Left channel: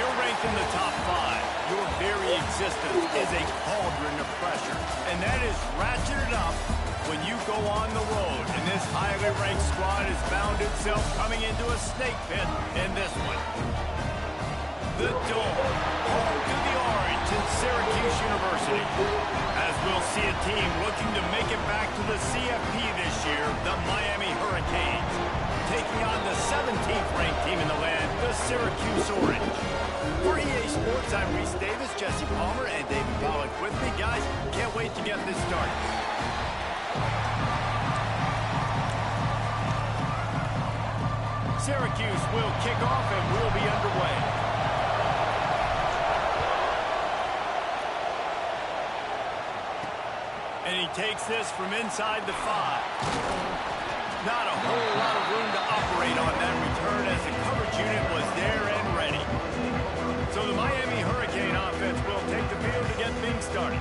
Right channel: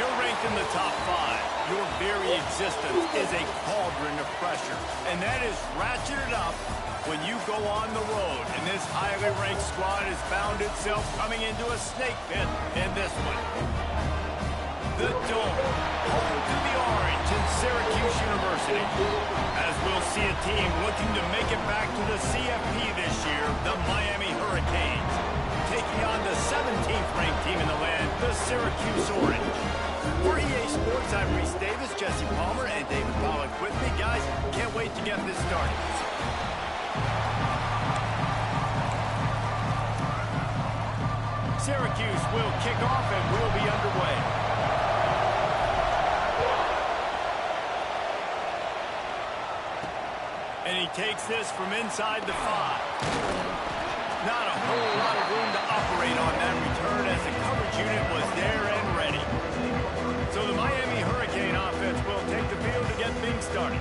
you're ranked in the top 5, your very existence is a cauldron of pressure. And that is ratcheted up when you go on the road. And this highly ranked squad has found itself coming into a snake pit in this one. The Dome, home to the Orange in Syracuse University. As we'll see a team looking to make it back to the CFP this year, the Miami Hurricanes, taking on the 17th ranked team in the land, the Syracuse Orange. For EA Sports, I'm Reese Davis, Jesse Palmer, and David Pollack with me. Guys, can't wait to get this started. Syracuse will kick off and we'll be underway. And he takes this from inside the 5. Not a whole lot of room to operate on that return as the coverage unit was there and ready. So the Miami Hurricane offense will take the field to get things started.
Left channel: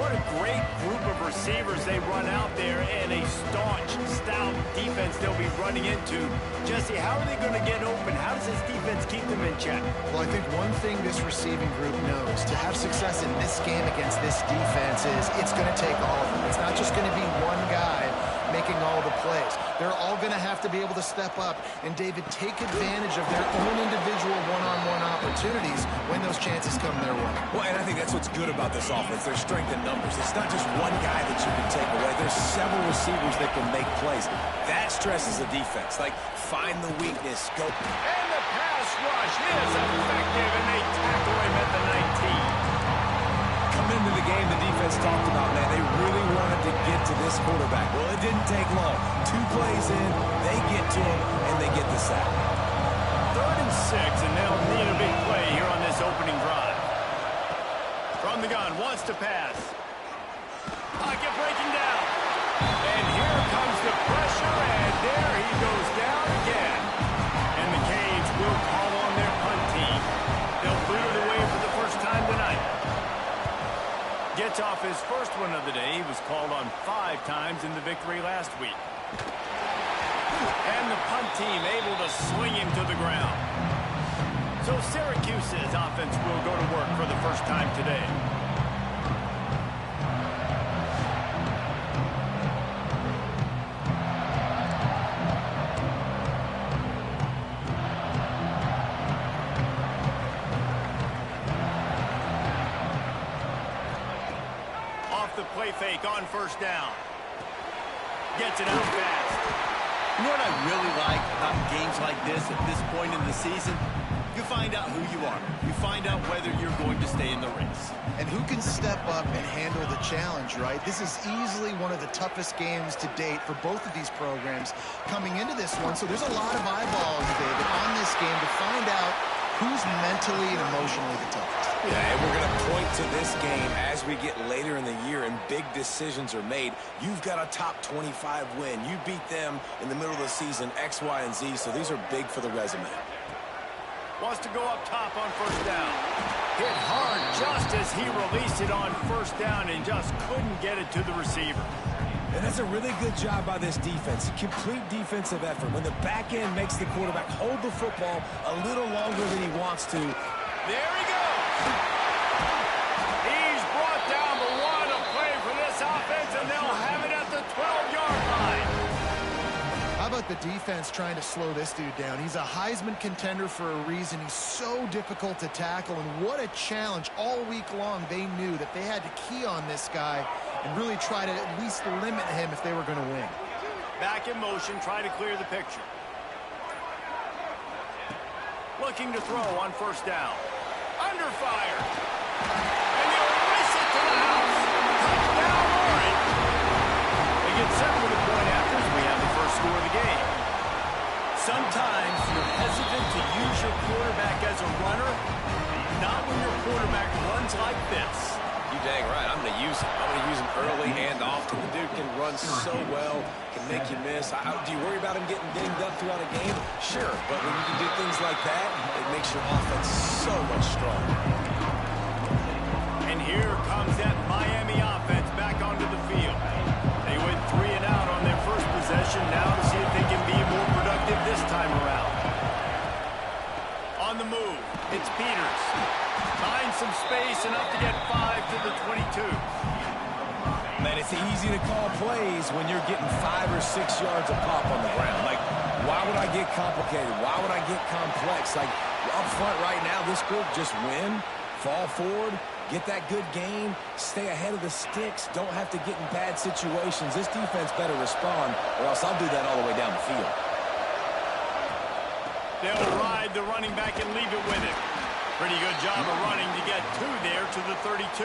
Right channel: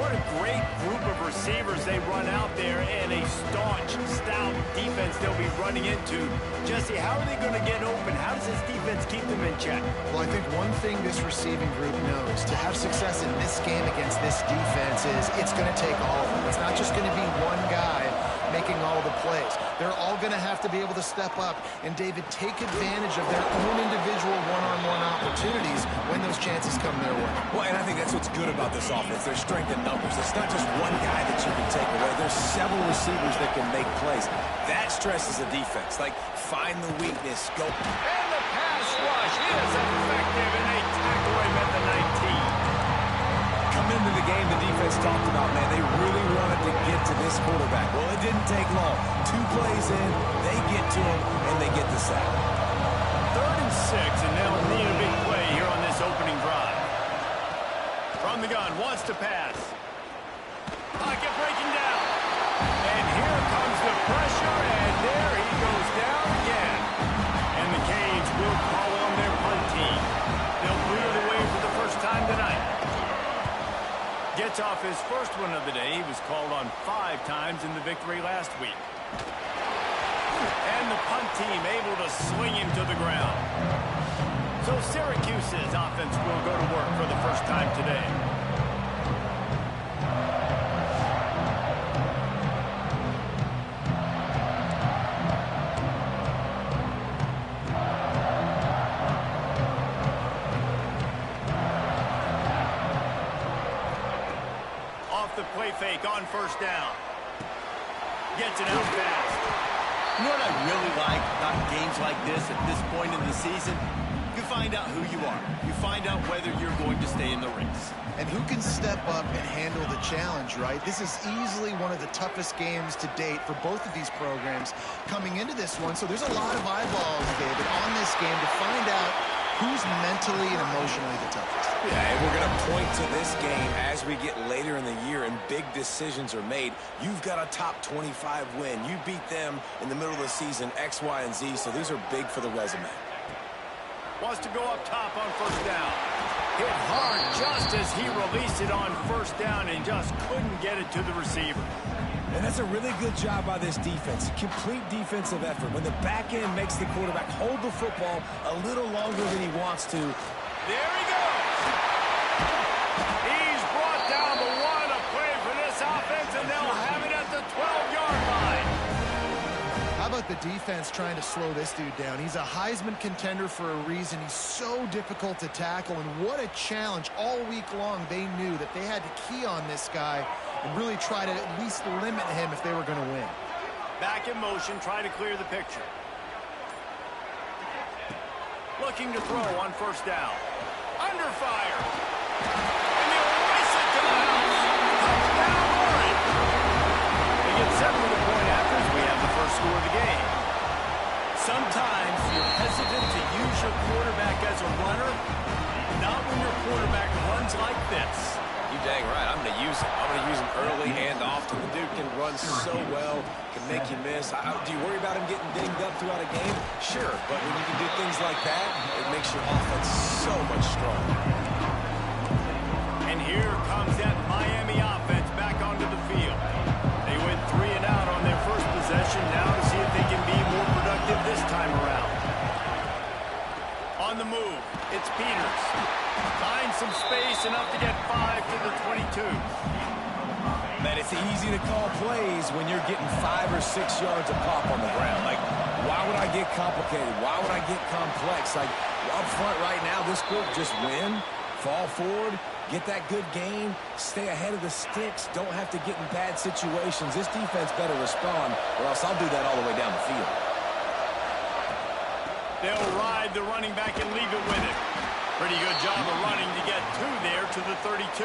What a great group of receivers they run out there, and a staunch, stout defense they'll be running into. Jesse, how are they going to get open? How does this defense keep them in check? Well, I think one thing this receiving group knows, to have success in this game against this defense, is it's going to take all of them. It's not just going to be one guy making all the plays. They're all going to have to be able to step up and, David, take advantage of their own individual one-on-one opportunities when those chances come their way. Well, and I think that's what's good about this offense. There's strength in numbers. It's not just one guy that you can take away. There's several receivers that can make plays. That stresses the defense. Like, find the weakness, go. And the pass rush is effective, and they tackle him at the 19. Coming into the game, the defense talked about, man, they really wanted to get to this quarterback. Well, it didn't take long. 2 plays in, they get to him, and they get the sack. 3rd and 6, and they'll need a big play here on this opening drive. From the gun, wants to pass. Pocket breaking down. And here comes the pressure, and there he goes down again. And the Canes will call on their punt team. They'll boot it away for the first time tonight. Gets off his first one of the day. He was called on 5 times in the victory last week. And the punt team able to swing him to the ground. So Syracuse's offense will go to work for the first time today. Off the play fake on first down. Gets it out fast. You know what I really like about games like this at this point in the season? You find out who you are. You find out whether you're going to stay in the race. And who can step up and handle the challenge, right? This is easily one of the toughest games to date for both of these programs coming into this one. So there's a lot of eyeballs, David, on this game to find out who's mentally and emotionally the toughest. Yeah, and we're going to point to this game as we get later in the year and big decisions are made. You've got a top 25 win. You beat them in the middle of the season, X, Y, and Z, so these are big for the resume. Wants to go up top on first down. Hit hard just as he released it on first down and just couldn't get it to the receiver. And that's a really good job by this defense. Complete defensive effort. When the back end makes the quarterback hold the football a little longer than he wants to. There he goes. He's brought down the 1 to play for this offense, and they'll have it at the 12-yard line. How about the defense trying to slow this dude down? He's a Heisman contender for a reason. He's so difficult to tackle, and what a challenge. All week long, they knew that they had to key on this guy and really try to at least limit him if they were going to win. Back in motion, try to clear the picture. Looking to throw on first down. Under fire. And he'll race it to the house. Touchdown, Orange. They get set for the point after as we have the first score of the game. Sometimes you're hesitant to use your quarterback as a runner. Not when your quarterback runs like this. You dang right. I'm going to use him. I'm going to use him early and often. The dude can run so well, can make you miss. Do you worry about him getting dinged up throughout a game? Sure, but when you can do things like that, it makes your offense so much stronger. And here comes that Miami offense back onto the field. They went 3 and out on their first possession. Now to see if they can be more productive this time around. On the move. It's Peters. Finds some space, enough to get 5 to the 22. Man, it's easy to call plays when you're getting 5 or 6 yards a pop on the ground. Like, why would I get complicated? Why would I get complex? Like, up front right now, this group just win, fall forward, get that good gain, stay ahead of the sticks, don't have to get in bad situations. This defense better respond, or else I'll do that all the way down the field. They'll ride the running back and leave it with him. Pretty good job of running to get 2 there to the 32.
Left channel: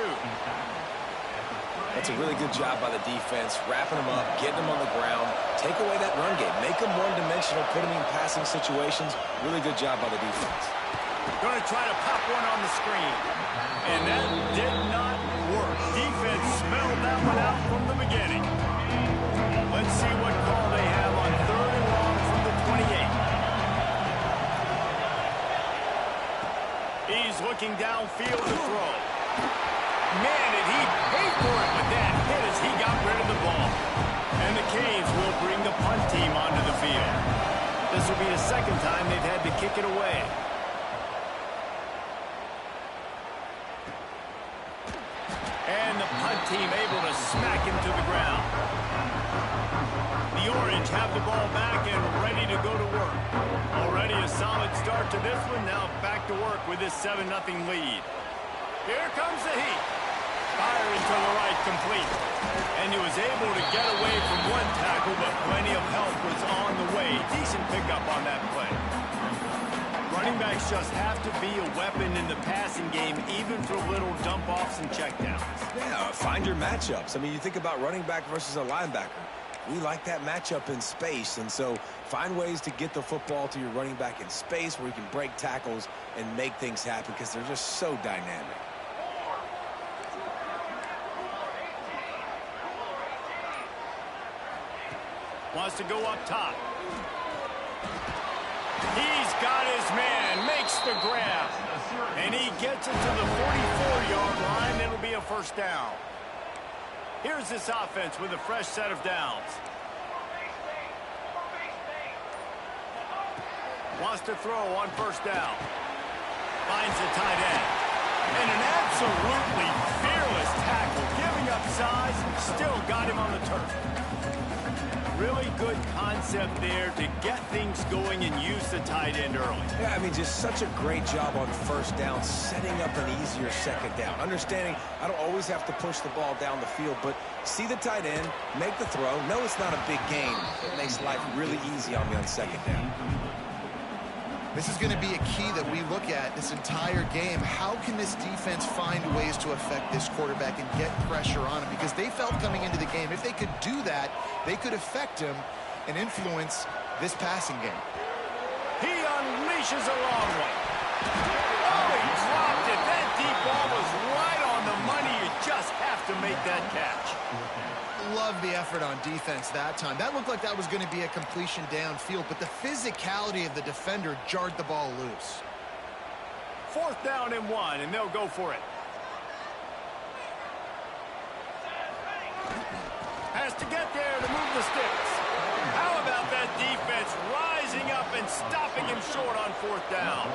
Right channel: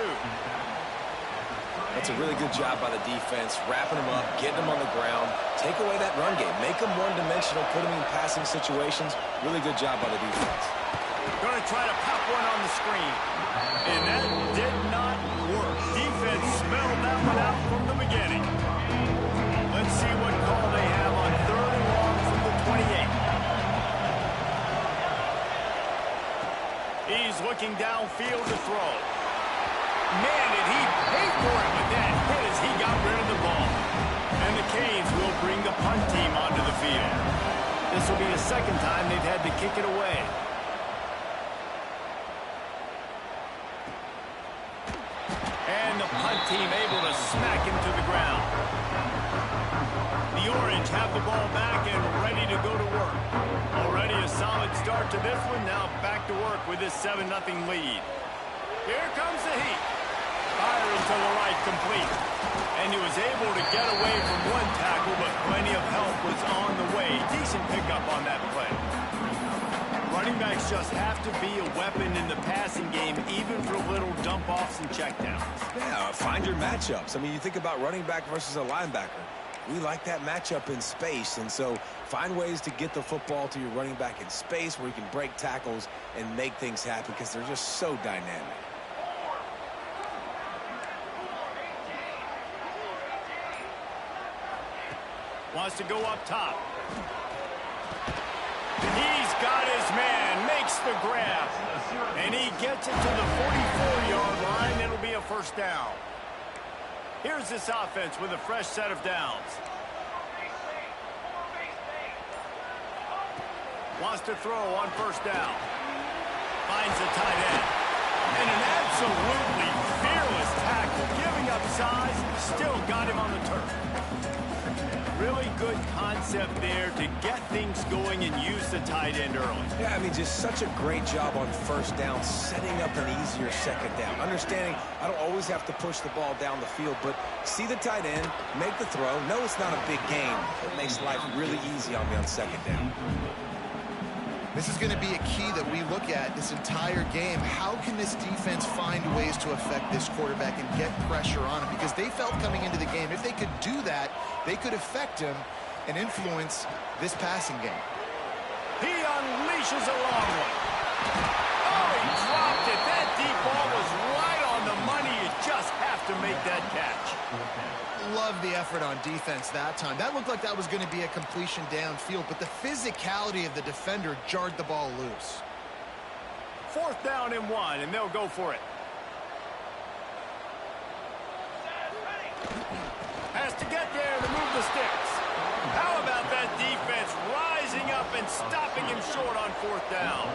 That's a really good job by the defense, wrapping them up, getting them on the ground, take away that run game, make them one-dimensional, put them in passing situations. Really good job by the defense. Going to try to pop one on the screen. And that did not work. Defense smelled that one out from the beginning. Let's see what call they have on 3rd and long from the 28. He's looking downfield to throw. Man, did he pay for it with that hit as he got rid of the ball. And the Canes will bring the punt team onto the field. This will be the second time they've had to kick it away. And the punt team able to smack him to the ground. The Orange have the ball back and ready to go to work. Already a solid start to this one. Now back to work with this 7-0 lead. Here comes the heat. Firing to the right, complete. And he was able to get away from one tackle, but plenty of help was on the way. Decent pickup on that play. Running backs just have to be a weapon in the passing game, even for little dump-offs and checkdowns. Yeah, find your matchups. I mean, you think about running back versus a linebacker. We like that matchup in space, and so find ways to get the football to your running back in space where you can break tackles and make things happen because they're just so dynamic. Wants to go up top. He's got his man, makes the grab. And he gets it to the 44-yard line. It'll be a first down. Here's this offense with a fresh set of downs. Wants to throw on first down. Finds the tight end. And an absolutely fearless tackle. Giving up size, still got him on the turf. Really good concept there to get things going and use the tight end early. Yeah, I mean, just such a great job on first down, setting up an easier second down. Understanding I don't always have to push the ball down the field, but see the tight end, make the throw. No, it's not a big gain. It makes life really easy on me on second down. This is going to be a key that we look at this entire game. How can this defense find ways to affect this quarterback and get pressure on him? Because they felt coming into the game, if they could do that, they could affect him and influence this passing game. He unleashes a long one. Oh, he dropped it. That deep ball was right on the money. You just have to make that catch. Love the effort on defense that time. That looked like that was going to be a completion downfield, but the physicality of the defender jarred the ball loose. 4th down and 1, and they'll go for it. Has to get there to move the sticks. How about that defense rising up and stopping him short on 4th down?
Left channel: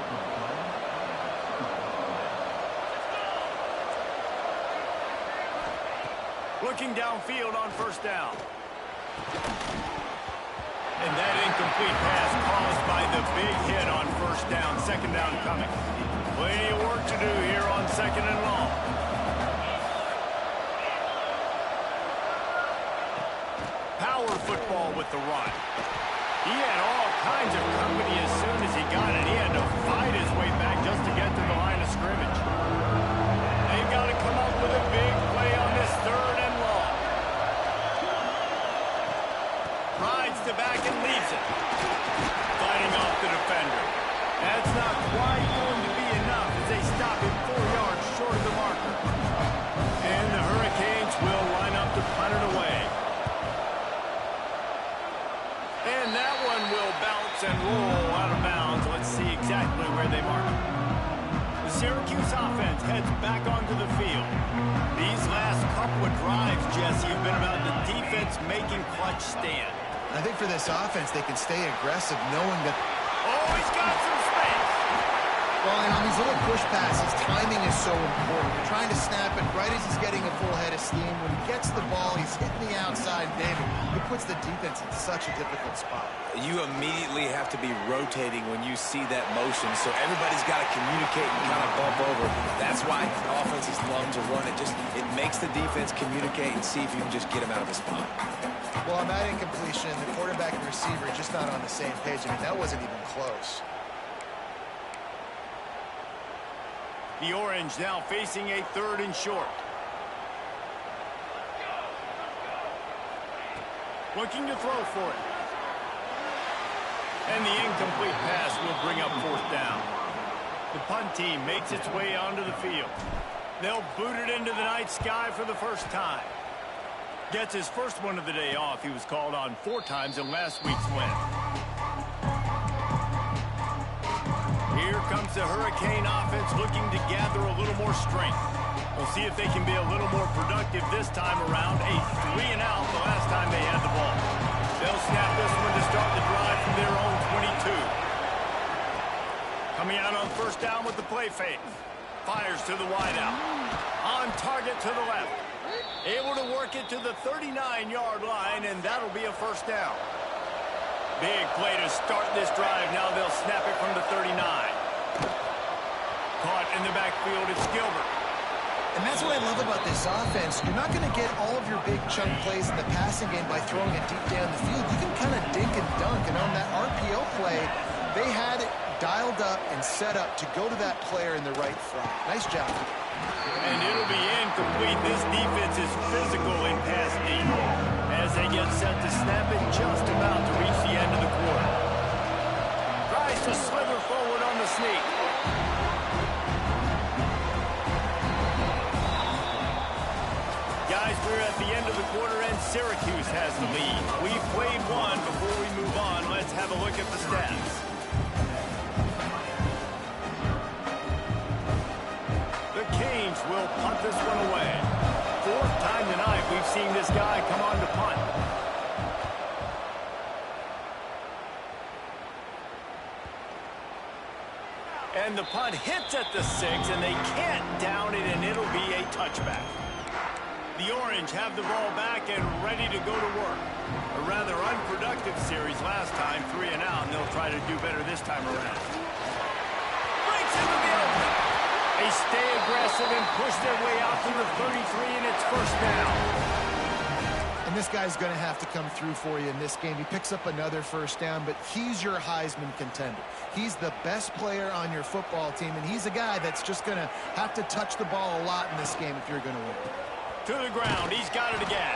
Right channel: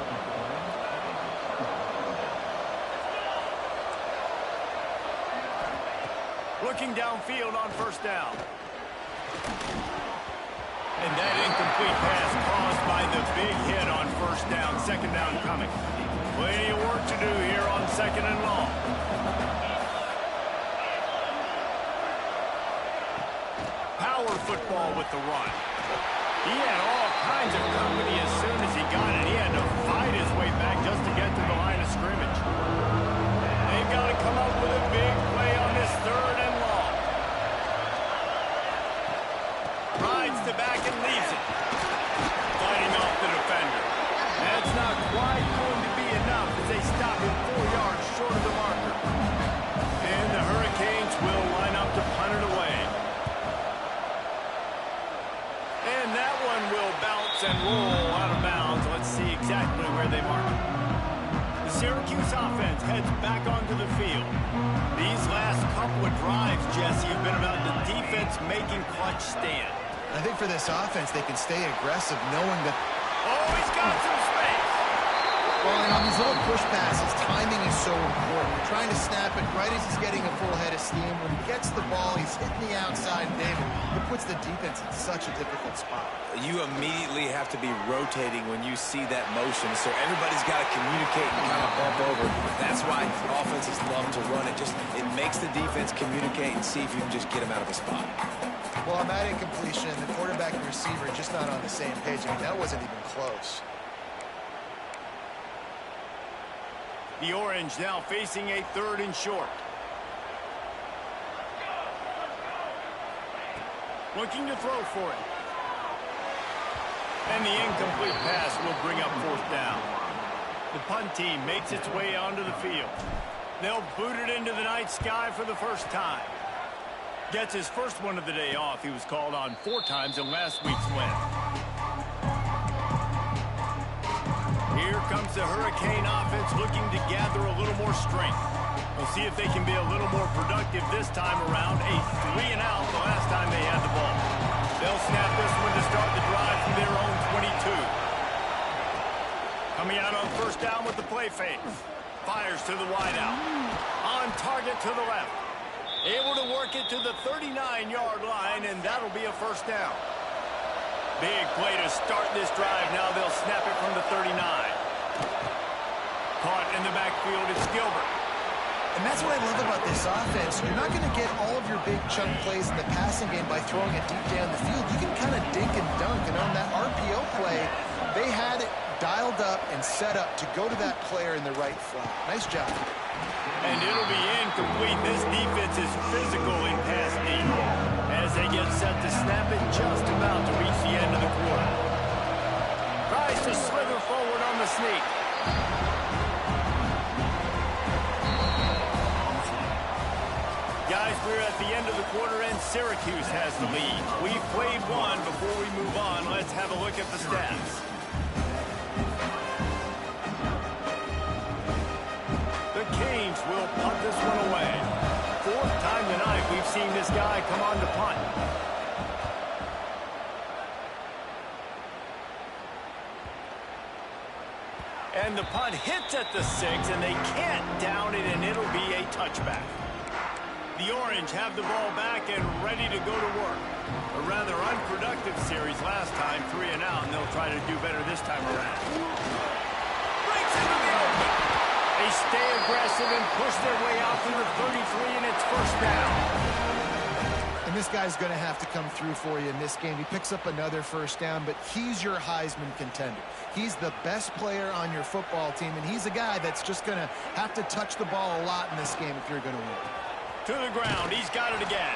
Looking downfield on first down. And that incomplete pass caused by the big hit on first down. Second down coming. Plenty of work to do here on 2nd and long. Power football with the run. He had all kinds of company as soon as he got it. He had to fight his way back just to get to the line of scrimmage. They've got to come up with a big play on this 3rd and long. Rides to back and leaves it. Fighting off the defender. That's not quite going to be enough as they stop him 4 yards short of the marker. And the Hurricanes will line up to punt it away. And that one will bounce and roll out of bounds. Let's see exactly where they mark it. The Syracuse offense heads back onto the field. These last couple of drives, Jesse, have been about the defense making clutch stand. I think for this offense, they can stay aggressive knowing that... Oh, he's got some space. Well, and on these little push passes, timing is so important. You're trying to snap it right as he's getting a full head of steam. When he gets the ball, he's hitting the outside, and David, it puts the defense in such a difficult spot. You immediately have to be rotating when you see that motion, so everybody's got to communicate and kind of bump over. That's why offenses love to run it. It makes the defense communicate and see if you can just get him out of a spot. Well, on that incompletion, the quarterback and receiver just not on the same page. I mean, that wasn't even close. The Orange now facing a 3rd and short. Looking to throw for it. And the incomplete pass will bring up 4th down. The punt team makes its way onto the field. They'll boot it into the night sky for the first time. Gets his first one of the day off. He was called on 4 times in last week's win. Here comes the Hurricane offense looking to gather a little more strength. We'll see if they can be a little more productive this time around. A 3-and-out the last time they had the ball. They'll snap this one to start the drive from their own 22. Coming out on 1st down with the play fake. Fires to the wideout. On target to the left. Able to work it to the 39-yard line, and that'll be a 1st down. Big play to start this drive. Now they'll snap it from the 39. Caught in the backfield, it's Gilbert. And that's what I love about this offense. You're not going to get all of your big chunk plays in the passing game by throwing it deep down the field. You can kind of dink and dunk. And on that RPO play, they had it dialed up and set up to go to that player in the right flat. Nice job. And it'll be incomplete. This defense is physical in pass deep as they get set to snap it just about to reach the end of the quarter. Tries to slither forward on the sneak. Guys, we're at the end of the quarter, and Syracuse has the lead. We've played one. Before we move on, let's have a look at the stats. The Canes will punt this one away. 4th time tonight we've seen this guy come on to punt. And the punt hits at the 6, and they can't down it, and it'll be a touchback. The Orange have the ball back and ready to go to work. A rather unproductive series last time, 3-and-out, and they'll try to do better this time around. Breaks into the open. They stay aggressive and push their way out to the 33, and it's 1st down. And this guy's going to have to come through for you in this game. He picks up another 1st down, but he's your Heisman contender. He's the best player on your football team, and he's a guy that's just going to have to touch the ball a lot in this game if you're going to win. To the ground, he's got it again.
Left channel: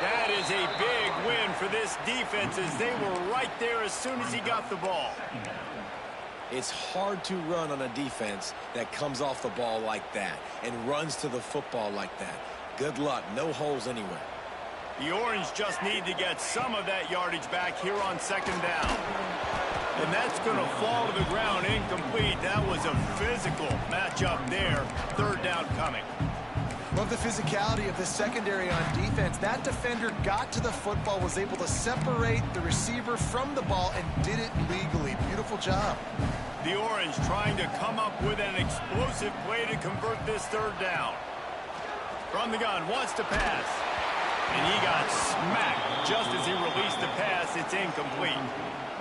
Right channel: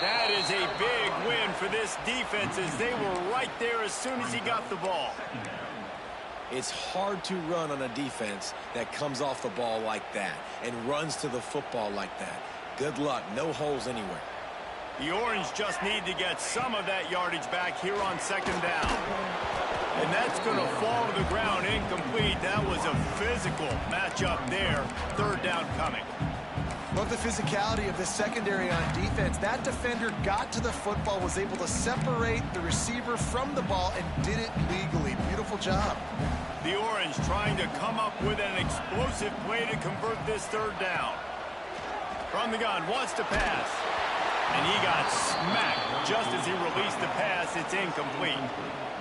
That is a big win for this defense as they were right there as soon as he got the ball. It's hard to run on a defense that comes off the ball like that and runs to the football like that. Good luck. No holes anywhere. The Orange just need to get some of that yardage back here on 2nd down. And that's going to fall to the ground incomplete. That was a physical matchup there. 3rd down coming. Love the physicality of this secondary on defense. That defender got to the football, was able to separate the receiver from the ball, and did it legally. Beautiful job. The Orange trying to come up with an explosive play to convert this 3rd down. From the gun, wants to pass. And he got smacked just as he released the pass. It's incomplete.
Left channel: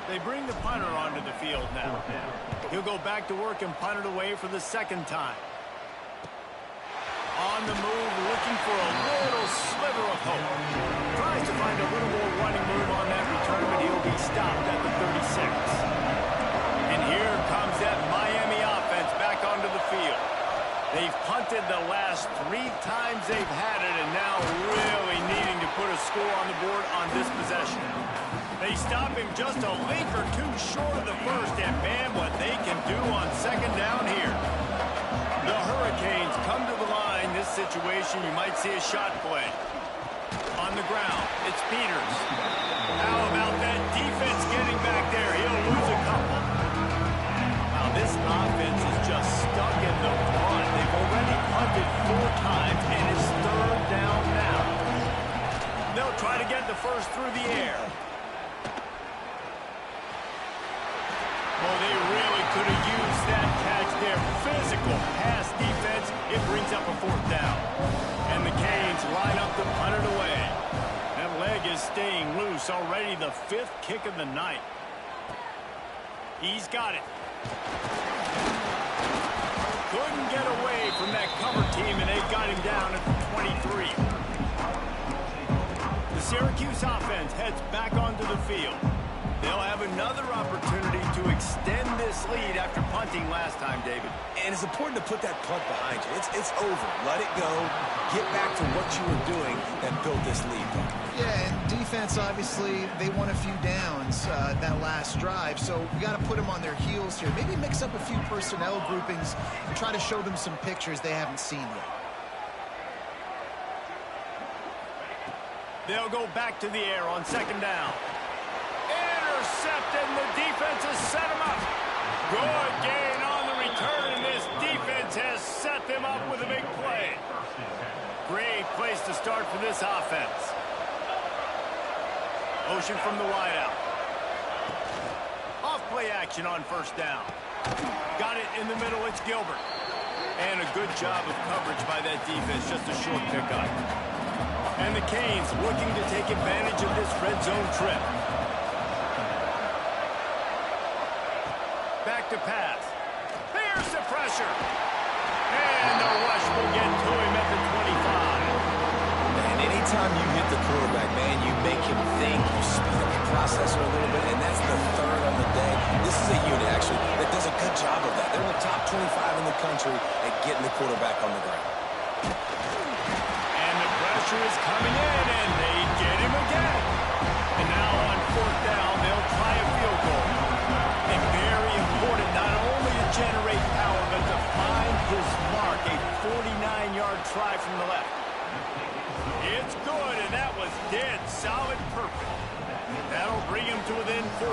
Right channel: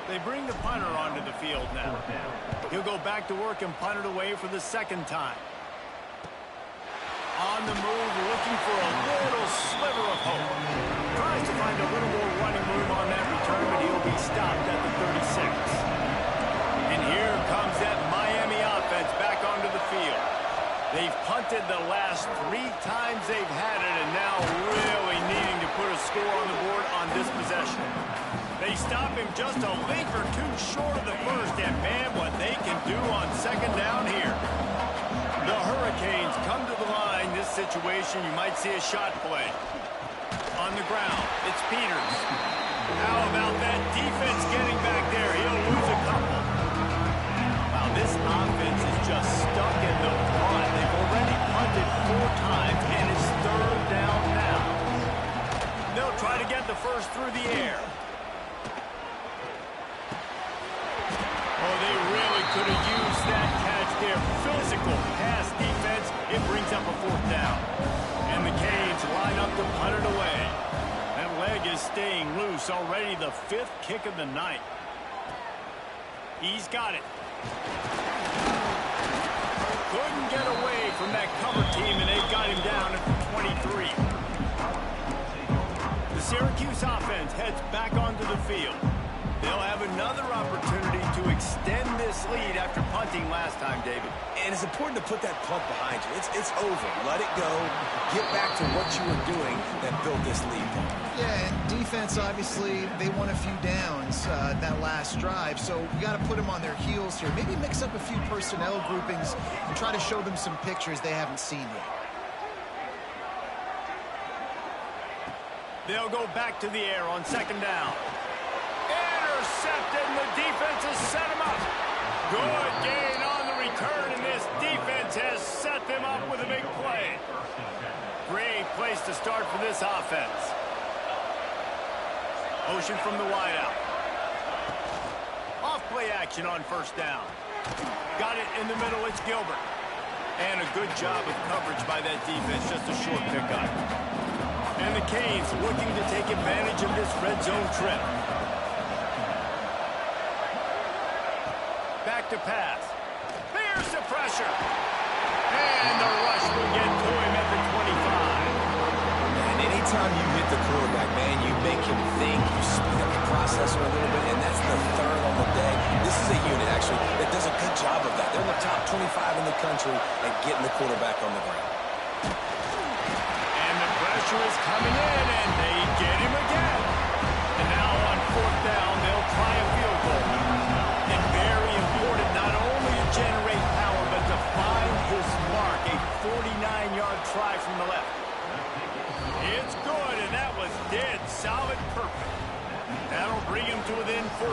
They bring the punter onto the field now. He'll go back to work and punt it away for the 2nd time. On the move, looking for a little sliver of hope. Tries to find a little more running room on that return, but he'll be stopped at the 36. And here comes that Miami offense back onto the field. They've punted the last 3 times they've had it, and now really needing to put a score on the board on this possession. They stop him just a link or 2 short of the 1st, and man, what they can do on 2nd down here. The Hurricanes come to the line. This situation, you might see a shot play. On the ground, it's Peters. How about that defense getting back there? He'll lose a couple. Wow, this offense is just stuck in the punt. They've already punted 4 times, and it's 3rd down now. They'll try to get the 1st through the air. Oh, they really could have used that catch there. Physical pass defense. It brings up a 4th down. And the Canes line up to punt it away. That leg is staying loose. Already the 5th kick of the night. He's got it. Couldn't get away from that cover team, and they got him down at the 23. The Syracuse offense heads back onto the field. They'll have another opportunity to extend this lead after punting last time, David. And it's important to put that punt behind you. It's over. Let it go. Get back to what you were doing that built this lead. Yeah, and defense, obviously, they won a few downs that last drive, so we got to put them on their heels here. Maybe mix up a few personnel groupings and try to show them some pictures they haven't seen yet. They'll go back to the air on 2nd down. Intercepted, and the defense has set him up. Good gain on the return, and this defense has set them up with a big play. Great place to start for this offense. Motion from the wideout. Off play action on 1st down. Got it in the middle, it's Gilbert. And a good job of coverage by that defense, just a short pickup. And the Canes looking to take advantage of this red zone trip. Back to pass. There's the pressure. And the rush will get to him at the 25. And anytime you hit the quarterback, man, you make him think, you speed up the processor a little bit, and that's the 3rd on the day. This is a unit, actually, that does a good job of that. They're in the top 25 in the country at getting the quarterback on the ground. And the pressure is coming in, and they get him again. And now on 4th down, they'll try a field goal. And very important not only to generate power, but to find his mark. A 49-yard try from the left. It's good, and that was dead solid perfect. That'll bring him to within 4.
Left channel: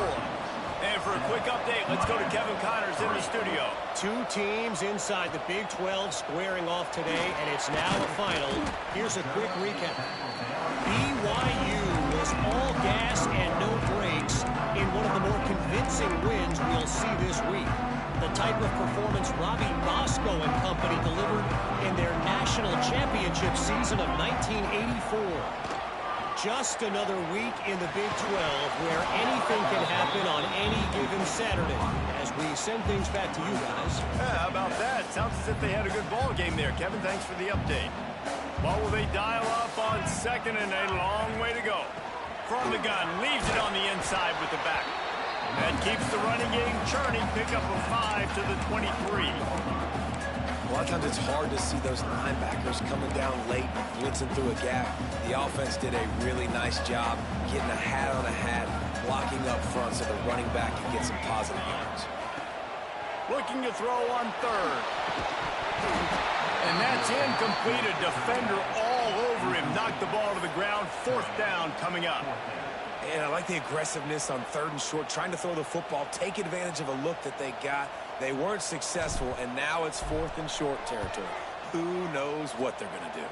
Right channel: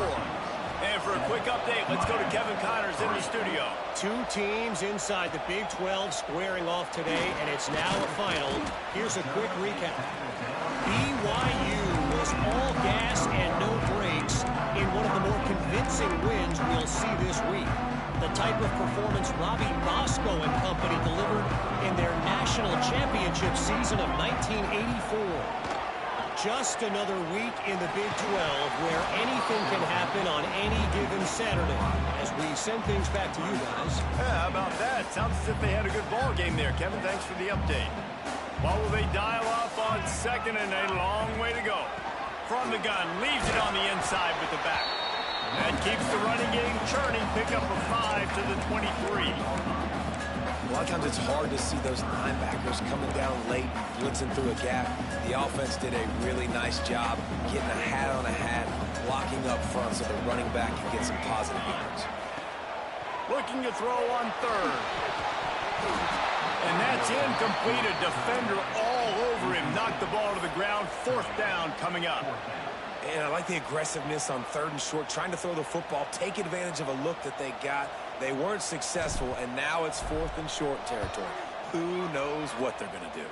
And for a quick update, let's go to Kevin Connors in the studio. 2 teams inside the Big 12 squaring off today, and it's now a final. Here's a quick recap. BYU was all gas and no brakes in one of the more convincing wins we'll see this week. The type of performance Robbie Bosco and company delivered in their national championship season of 1984. Just another week in the Big 12 where anything can happen on any given Saturday. As we send things back to you guys. How about that? Sounds as if they had a good ball game there. Kevin, thanks for the update. What will they dial up on 2nd and a long way to go? From the gun, leaves it on the inside with the back. That keeps the running game churning. Pick up a 5 to the 23. A lot of times it's hard to see those linebackers coming down late, blitzing through a gap. The offense did a really nice job getting a hat on a hat, blocking up front so the running back can get some positive yards. Looking to throw on 3rd. And that's incomplete. A defender all over him. Knocked the ball to the ground. 4th down coming up. And I like the aggressiveness on 3rd and short, trying to throw the football, take advantage of a look that they got. They weren't successful, and now it's 4th and short territory. Who knows what they're going to do?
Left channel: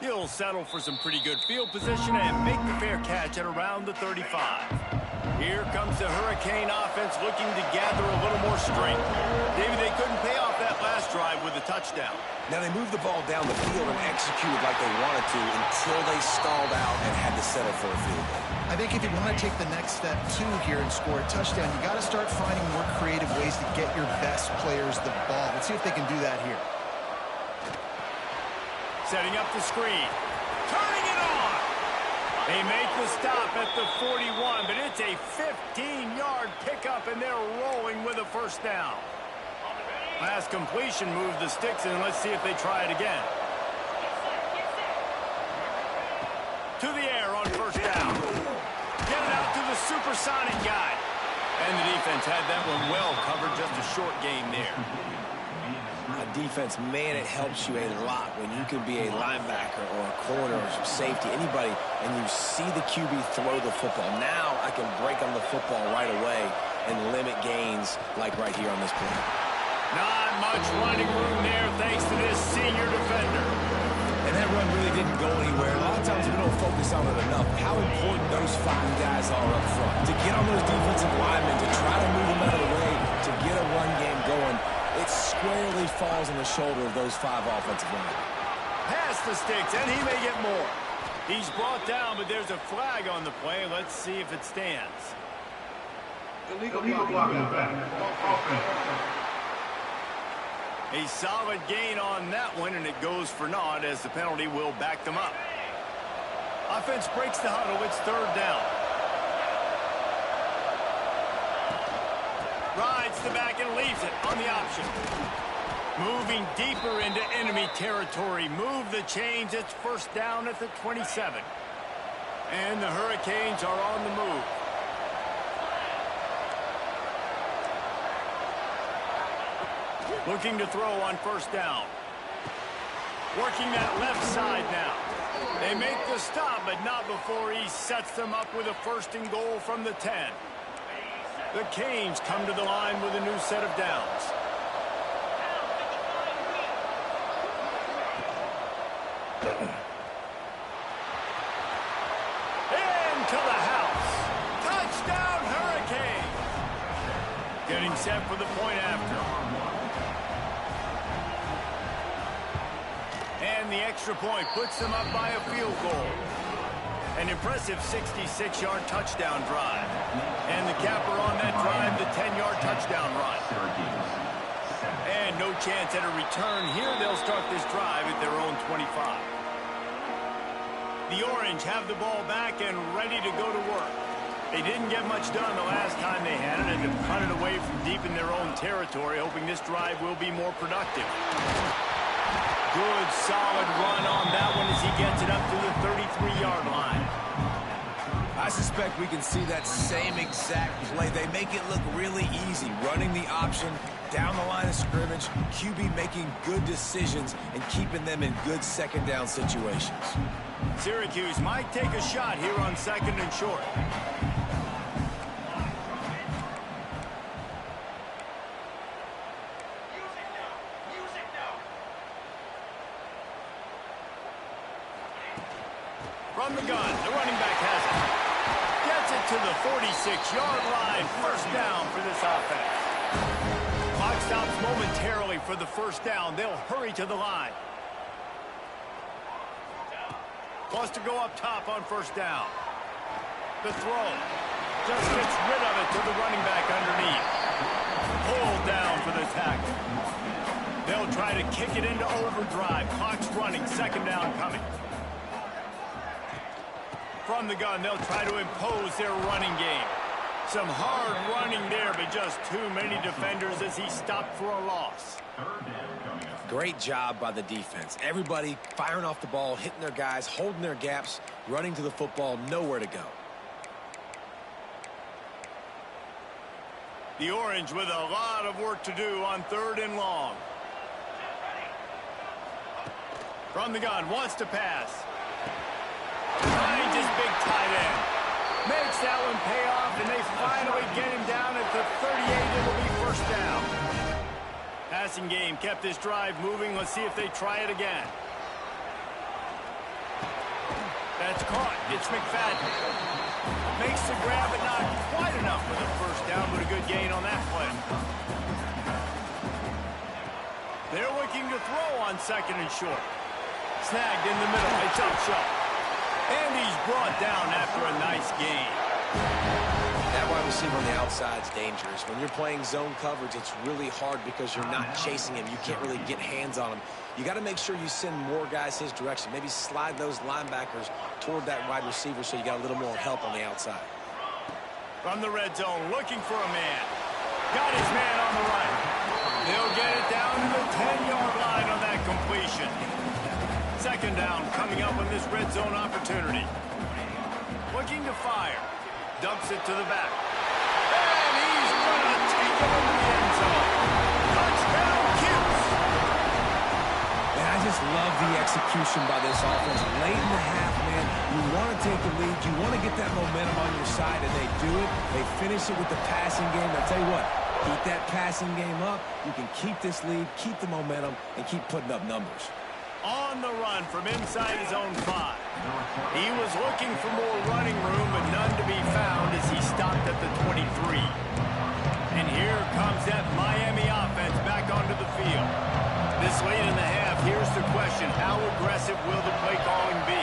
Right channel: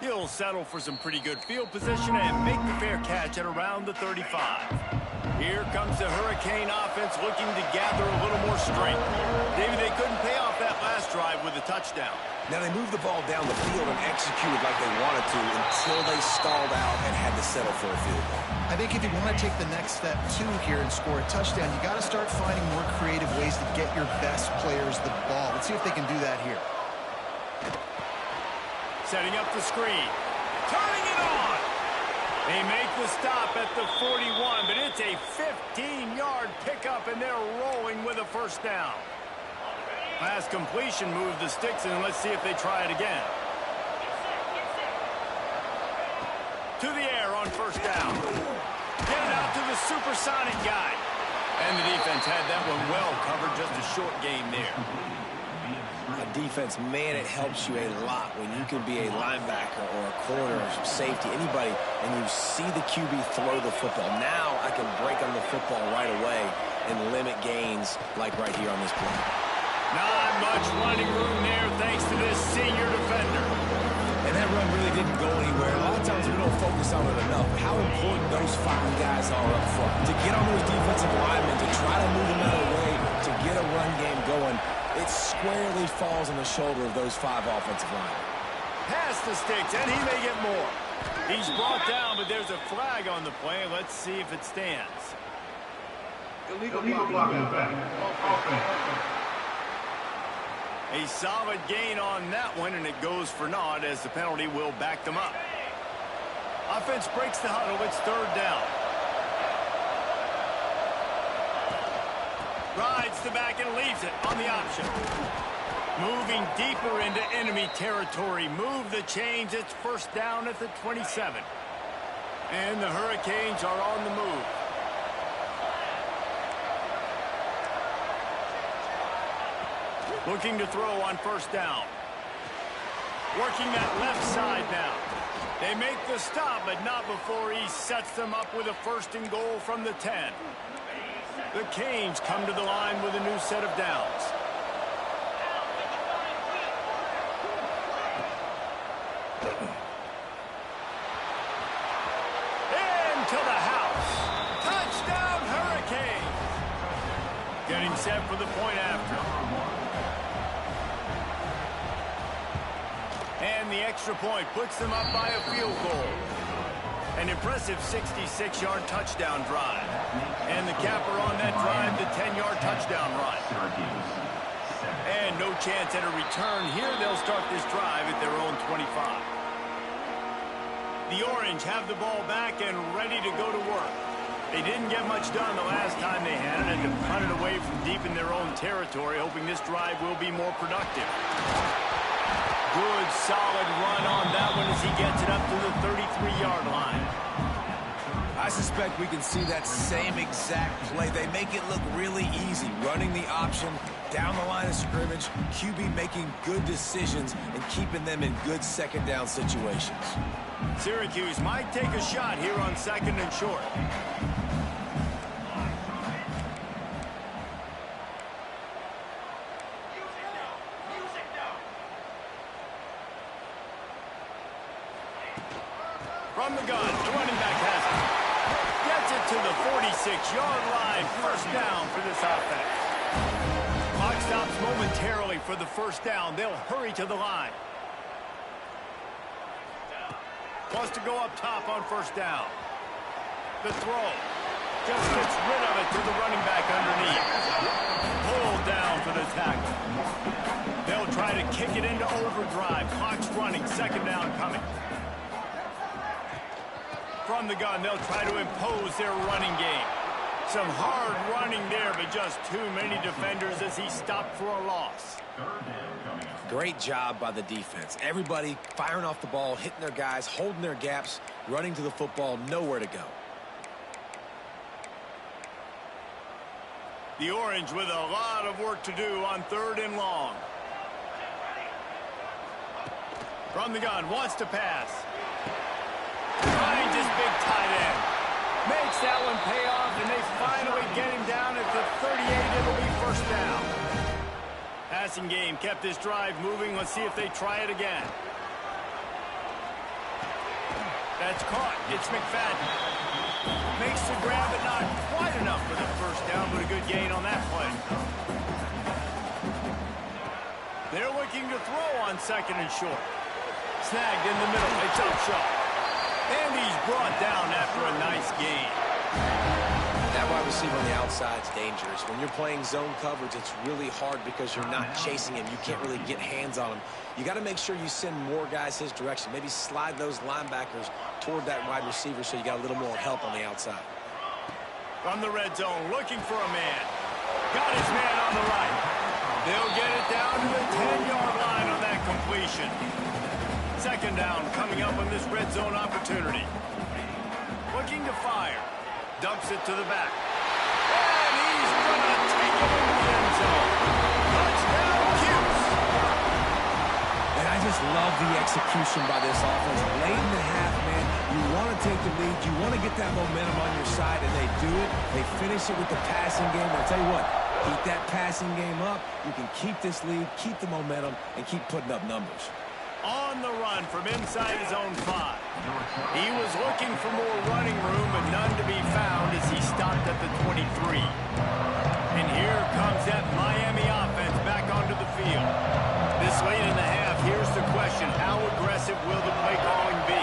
He'll settle for some pretty good field position and make the fair catch at around the 35. Here comes the Hurricane offense looking to gather a little more strength. David, they couldn't pay off that last drive with a touchdown. Now, they moved the ball down the field and executed like they wanted to until they stalled out and had to settle for a field goal. I think if you want to take the next step, too, here and score a touchdown, you got to start finding more creative ways to get your best players the ball. Let's see if they can do that here. Setting up the screen. Turning it on. They make the stop at the 41, but it's a 15-yard pickup, and they're rolling with a 1st down. Last completion moved the sticks, and let's see if they try it again. To the air on 1st down. Get it out to the supersonic guy. And the defense had that one well covered, just a short gain there. A defense, man, it helps you a lot when you can be a linebacker or a corner or safety, anybody, and you see the QB throw the football. Now I can break on the football right away and limit gains like right here on this play. Not much running room there thanks to this senior defender. And that run really didn't go anywhere. A lot of times we don't focus on it enough. How important those 5 guys are up front. To get on those defensive linemen, to try to move them out of the way, to get a run game going, it squarely falls on the shoulder of those 5 offensive linemen. Past the sticks, and he may get more. He's brought down, but there's a flag on the play. Let's see if it stands. Illegal blocking back. Offense. A solid gain on that one, and it goes for naught as the penalty will back them up. Offense breaks the huddle. It's 3rd down. Rides the back and leaves it on the option. Moving deeper into enemy territory. Move the chains. It's 1st down at the 27. And the Hurricanes are on the move. Looking to throw on 1st down. Working that left side now. They make the stop, but not before he sets them up with a 1st and goal from the 10. The Canes come to the line with a new set of downs. Into the house. Touchdown, Hurricanes. Getting set for the point after. And the extra point puts them up by a field goal. An impressive 66-yard touchdown drive. And the capper on that drive, the 10-yard touchdown run. And no chance at a return here. They'll start this drive at their own 25. The Orange have the ball back and ready to go to work. They didn't get much done the last time they had it, and to punt it away from deep in their own territory, hoping this drive will be more productive. Good, solid run on that one as he gets it up to the 33-yard line. I suspect we can see that same exact play. They make it look really easy, running the option down the line of scrimmage, QB making good decisions and keeping them in good 2nd down situations. Syracuse might take a shot here on 2nd and short. From the gun, the running back has it. Gets it to the 46-yard line. 1st down for this offense. Clock stops momentarily for the 1st down. They'll hurry to the line. Wants to go up top on 1st down. The throw. Just gets rid of it to the running back underneath. Pulled down for the tackle. They'll try to kick it into overdrive. Clock's running. 2nd down coming. From the gun, they'll try to impose their running game. Some hard running there, but just too many defenders as he stopped for a loss. Great job by the defense. Everybody firing off the ball, hitting their guys, holding their gaps, running to the football, nowhere to go. The Orange with a lot of work to do on 3rd and long. From the gun, wants to pass. Finds his big tight end. Makes that one pay off, and they finally get him down at the 38. It'll be 1st down. Passing game kept this drive moving. Let's see if they try it again. That's caught. It's McFadden. Makes the grab, but not quite enough for the 1st down, but a good gain on that play. They're looking to throw on 2nd and short. Snagged in the middle. A jump shot. And he's brought down after a nice gain. That wide receiver on the outside is dangerous. When you're playing zone coverage, it's really hard because you're not chasing him. You can't really get hands on him. You got to make sure you send more guys his direction. Maybe slide those linebackers toward that wide receiver so you got a little more help on the outside. From the red zone, looking for a man. Got his man on the right. They'll get it down to the 10-yard line on that completion. 2nd down coming up on this red zone opportunity. Looking to fire. Dumps it to the back. And he's going to take it into the end zone. Touchdown, Cuse. And I just love the execution by this offense. Late in the half, man, you want to take the lead. You want to get that momentum on your side, and they do it. They finish it with the passing game. I'll tell you what, keep that passing game up. You can keep this lead, keep the momentum, and keep putting up numbers. On the run from inside his own 5. He was looking for more running room, but none to be found as he stopped at the 23. And here comes that Miami offense back onto the field. This late in the half, here's the question. How aggressive will the play calling be?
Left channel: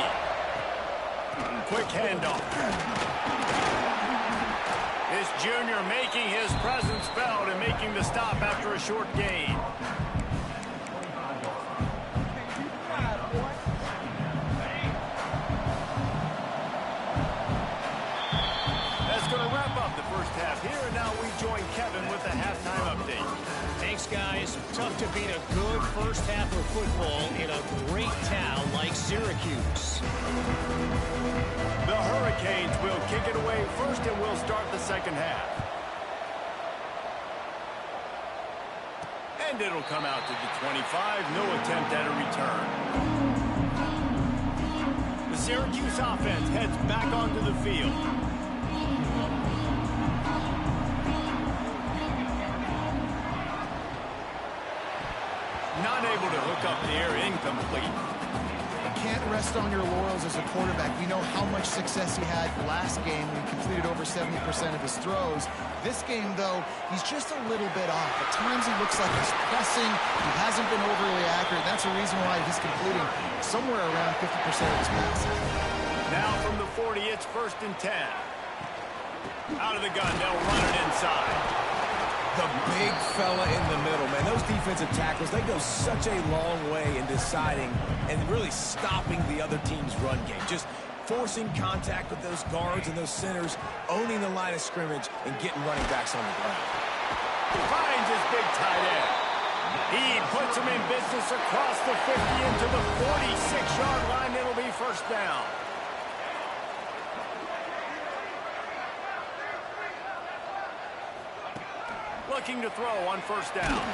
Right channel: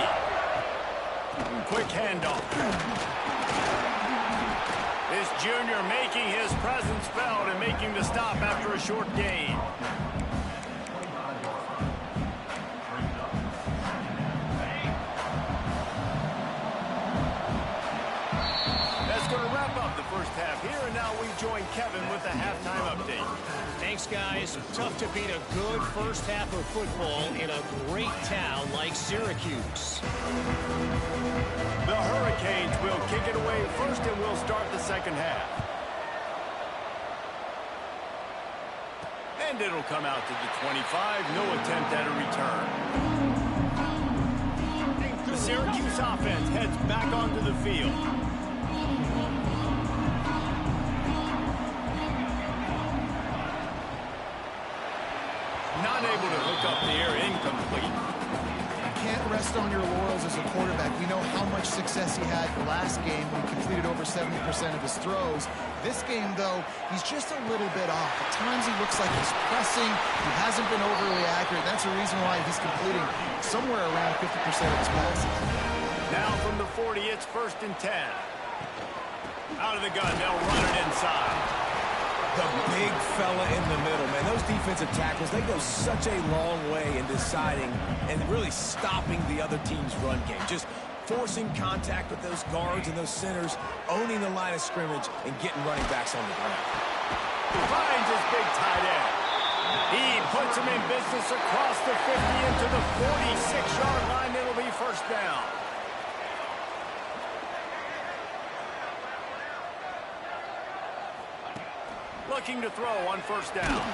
Quick handoff. This junior making his presence felt and making the stop after a short gain. That's going to wrap up the first half here, and now we join Kevin with the halftime update. Thanks, guys. Tough to beat a good first half of football in a great town like Syracuse. The Hurricanes will kick it away first, and we'll start the second half. And it'll come out to the 25. No attempt at a return. The Syracuse offense heads back onto the field. Not able to hook up the air, incomplete. You can't rest on your laurels as a quarterback. We know how much success he had last game when he completed over 70% of his throws. This game, though, he's just a little bit off. At times he looks like he's pressing. He hasn't been overly accurate. That's the reason why he's completing somewhere around 50% of his passes. Now from the 40, it's 1st and 10. Out of the gun, they'll run it inside. The big fella in the middle, man. Those defensive tackles, they go such a long way in deciding and really stopping the other team's run game. Just forcing contact with those guards and those centers, owning the line of scrimmage, and getting running backs on the ground. He finds his big tight end. He puts him in business across the 50 into the 46-yard line. It'll be 1st down. Looking to throw on 1st down.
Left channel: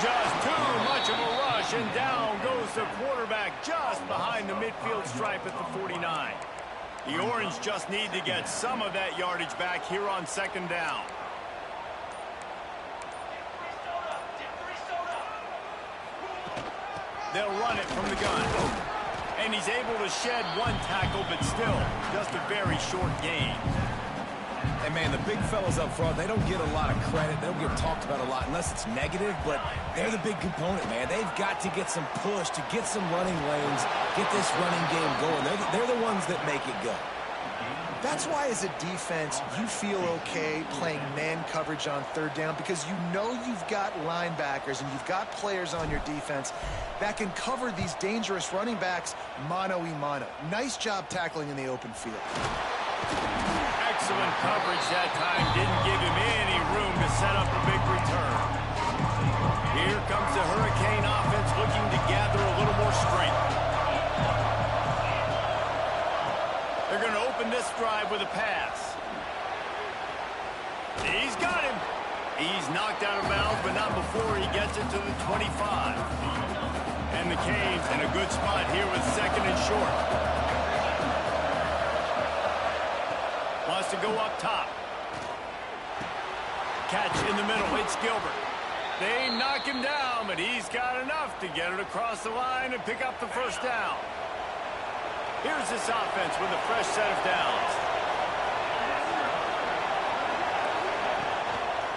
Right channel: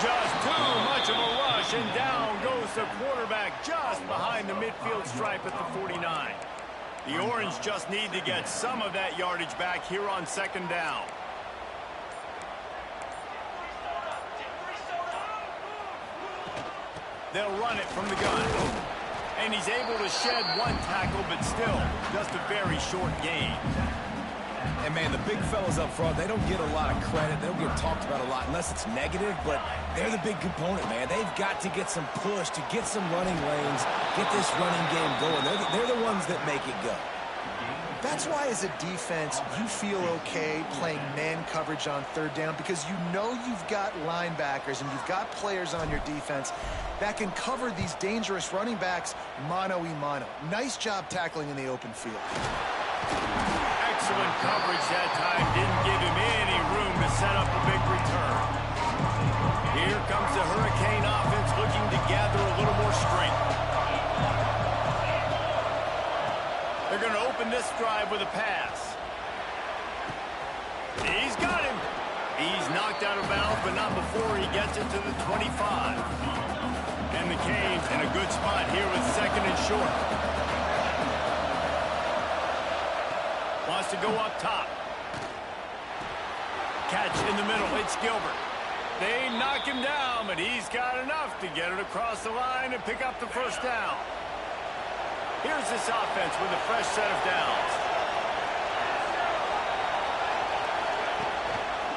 Just too much of a rush, and down goes the quarterback just behind the midfield stripe at the 49. The Orange just need to get some of that yardage back here on 2nd down. They'll run it from the gun. And he's able to shed one tackle, but still just a very short gain. And, man, the big fellas up front, they don't get a lot of credit. They don't get talked about a lot unless it's negative, but they're the big component, man. They've got to get some push, to get some running lanes, get this running game going. They're the ones that make it go. That's why, as a defense, you feel okay playing man coverage on 3rd down, because you know you've got linebackers and you've got players on your defense that can cover these dangerous running backs mano-a-mano. Nice job tackling in the open field. Excellent coverage that time. Didn't give him any room to set up a big return. Here comes the Hurricane offense looking to gather a little more strength. They're going to open this drive with a pass. He's got him. He's knocked out of bounds, but not before he gets it to the 25. And the Canes in a good spot here with 2nd and short. Wants to go up top. Catch in the middle. It's Gilbert. They knock him down, but he's got enough to get it across the line and pick up the 1st down. Here's this offense with a fresh set of downs.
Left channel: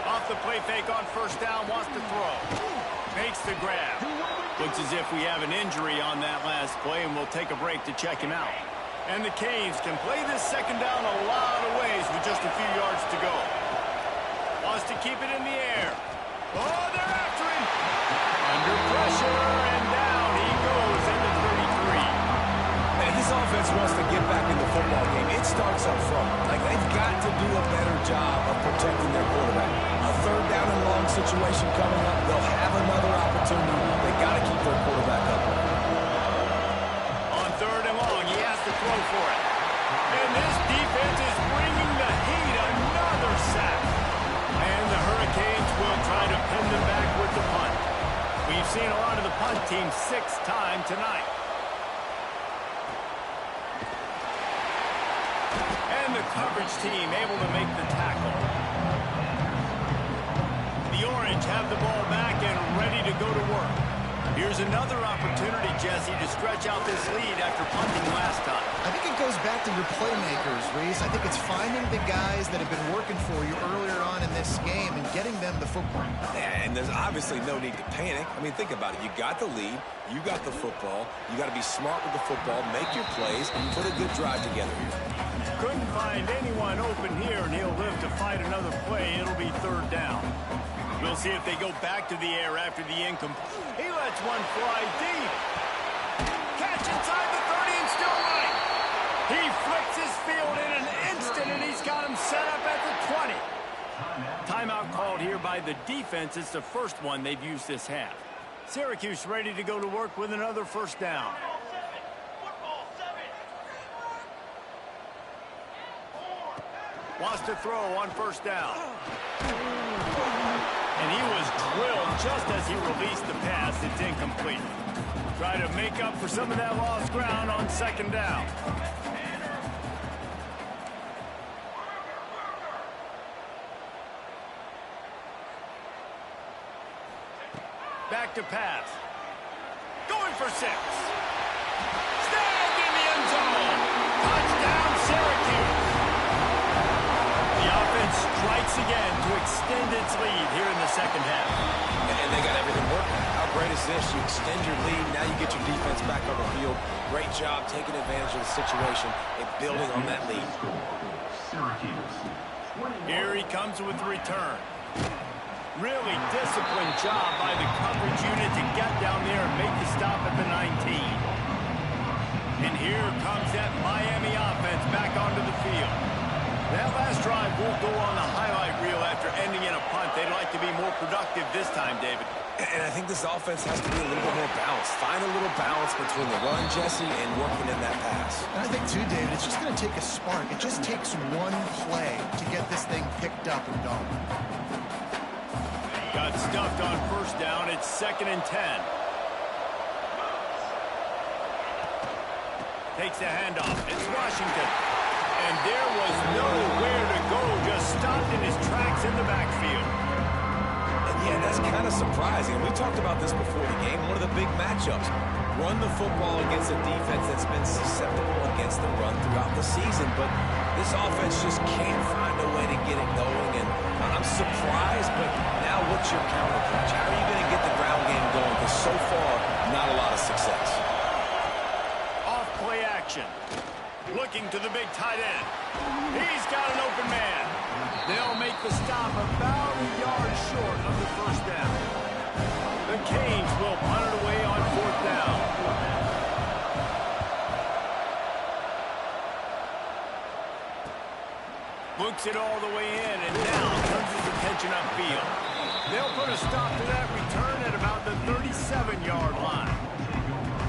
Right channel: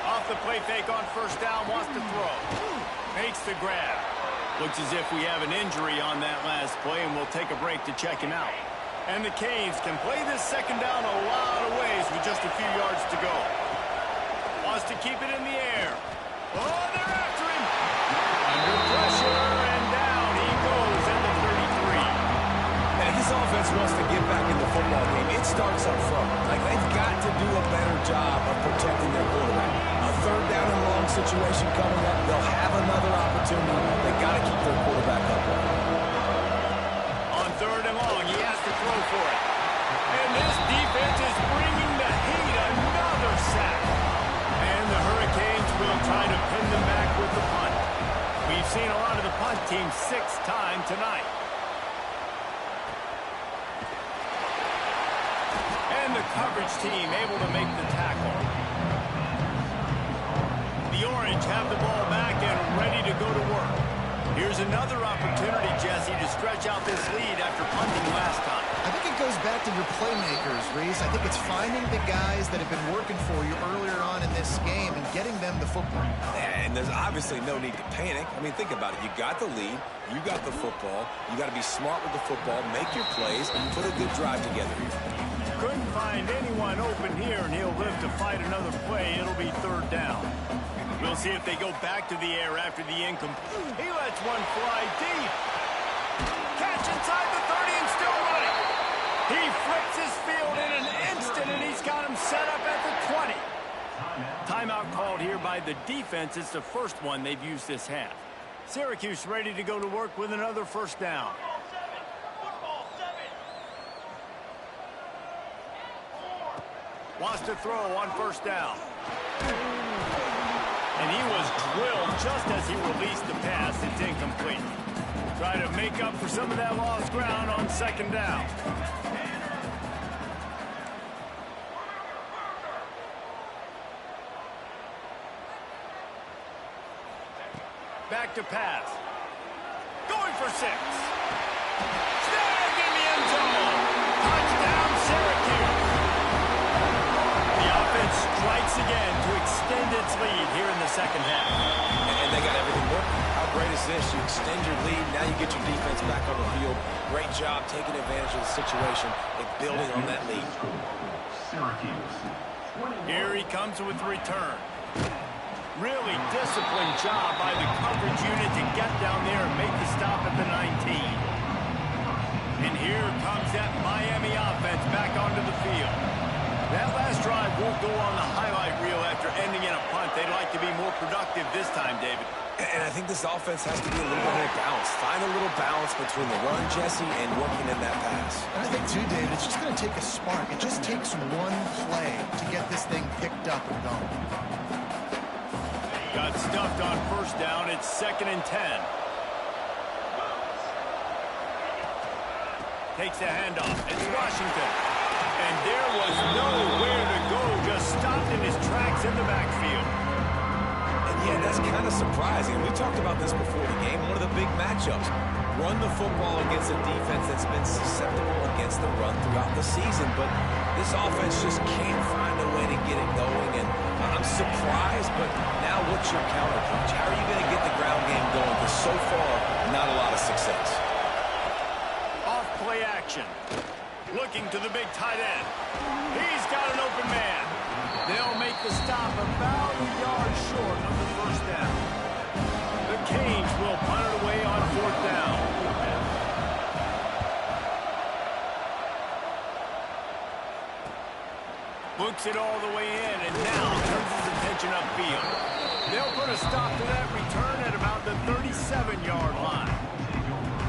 Off the play fake on 1st down, wants to throw. Makes the grab. Looks as if we have an injury on that last play, and we'll take a break to check him out. And the Canes can play this 2nd down a lot of ways with just a few yards to go. Wants to keep it in the air. Oh, they're after him. Under pressure, and down he goes at the 33. And if this offense wants to get back in the football game, it starts up front. Like, they've got to do a better job of protecting their quarterback. A 3rd down and long situation coming up. They'll have another opportunity. They got to keep their quarterback upright. On 3rd and long, he has to throw for it. And this defense is bringing the heat. Another sack. And the Hurricanes will try to pin them back with the punt. We've seen a lot of the punt team 6 times tonight. And the coverage team able to make the tackle. The Orange have the ball back and ready to go to work. Here's another opportunity, Jesse, to stretch out this lead after punting last time. I think it goes back to your playmakers, Reese. I think it's finding the guys that have been working for you earlier on in this game and getting them the football. And there's obviously no need to panic. I mean, think about it. You got the lead. You got the football. You got to be smart with the football, make your plays, and put a good drive together here. Couldn't find anyone open here, and he'll live to fight another play. It'll be third down. We'll see if they go back to the air after the incomplete. He lets one fly deep. Catch inside the 30 and still running. He flips his field in an instant, and he's got him set up at the 20. Timeout called here by the defense. It's the first one they've used this half. Syracuse ready to go to work with another first down. Wants to throw on first down. And he was drilled just as he released the pass. It's incomplete. Try to make up for some of that lost ground on second down. Back to pass. Going for 6. Snagged in the end zone. Touchdown, Syracuse. The offense strikes again to extend its lead here in the second half. And they got everything working. How great is this? You extend your lead. Now you get your defense back on the field. Great job taking advantage of the situation and building on that lead. Here he comes with the return. Really disciplined job by the coverage unit to get down there and make the stop at the 19. And here comes that Miami offense back onto the field. That last drive won't go on the highlight reel after ending in a punt. They'd like to be more productive this time, David. And I think this offense has to be a little bit more balanced. Find a little balance between the run, Jesse, and working in that pass. And I think, too, David, it's just going to take a spark. It just takes one play to get this thing picked up and going. Got stuffed on first down. It's 2nd and 10. Takes the handoff. It's Washington. And there was nowhere to go. Just stopped in his tracks in the backfield. And yeah, that's kind of surprising. We talked about this before the game. One of the big matchups. Run the football against a defense that's been susceptible against the run throughout the season. But this offense just can't find a way to get it going. And I'm surprised, but now what's your counterpunch? How are you going to get the ground game going? Because so far, not a lot of success. Off play action. Looking to the big tight end. He's got an open man. They'll make the stop about a yard short of the first down. The Canes will punt it away on 4th down. Looks it all the way in and now turns his attention upfield. They'll put a stop to that return at about the 37-yard line.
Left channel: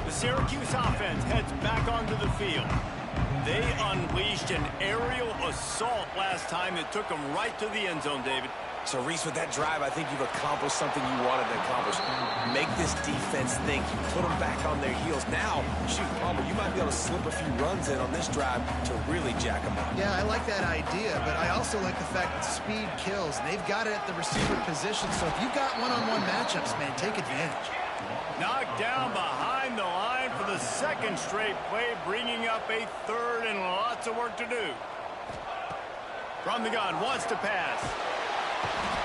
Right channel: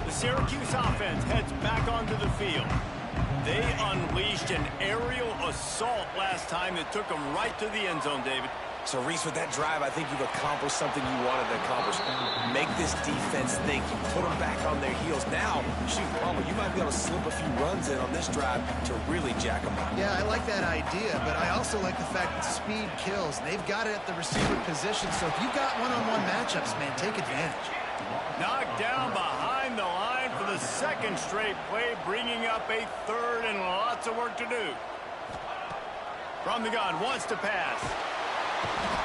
The Syracuse offense heads back onto the field. They unleashed an aerial assault last time that took them right to the end zone, David. So, Reese, with that drive, I think you've accomplished something you wanted to accomplish. Make this defense think. You put them back on their heels. Now, shoot, Palmer, you might be able to slip a few runs in on this drive to really jack them up. Yeah, I like that idea, but I also like the fact that speed kills. They've got it at the receiver position, so if you've got one-on-one matchups, man, take advantage. Knocked down behind the line for the 2nd straight play, bringing up a 3rd and lots of work to do. From the gun, wants to pass.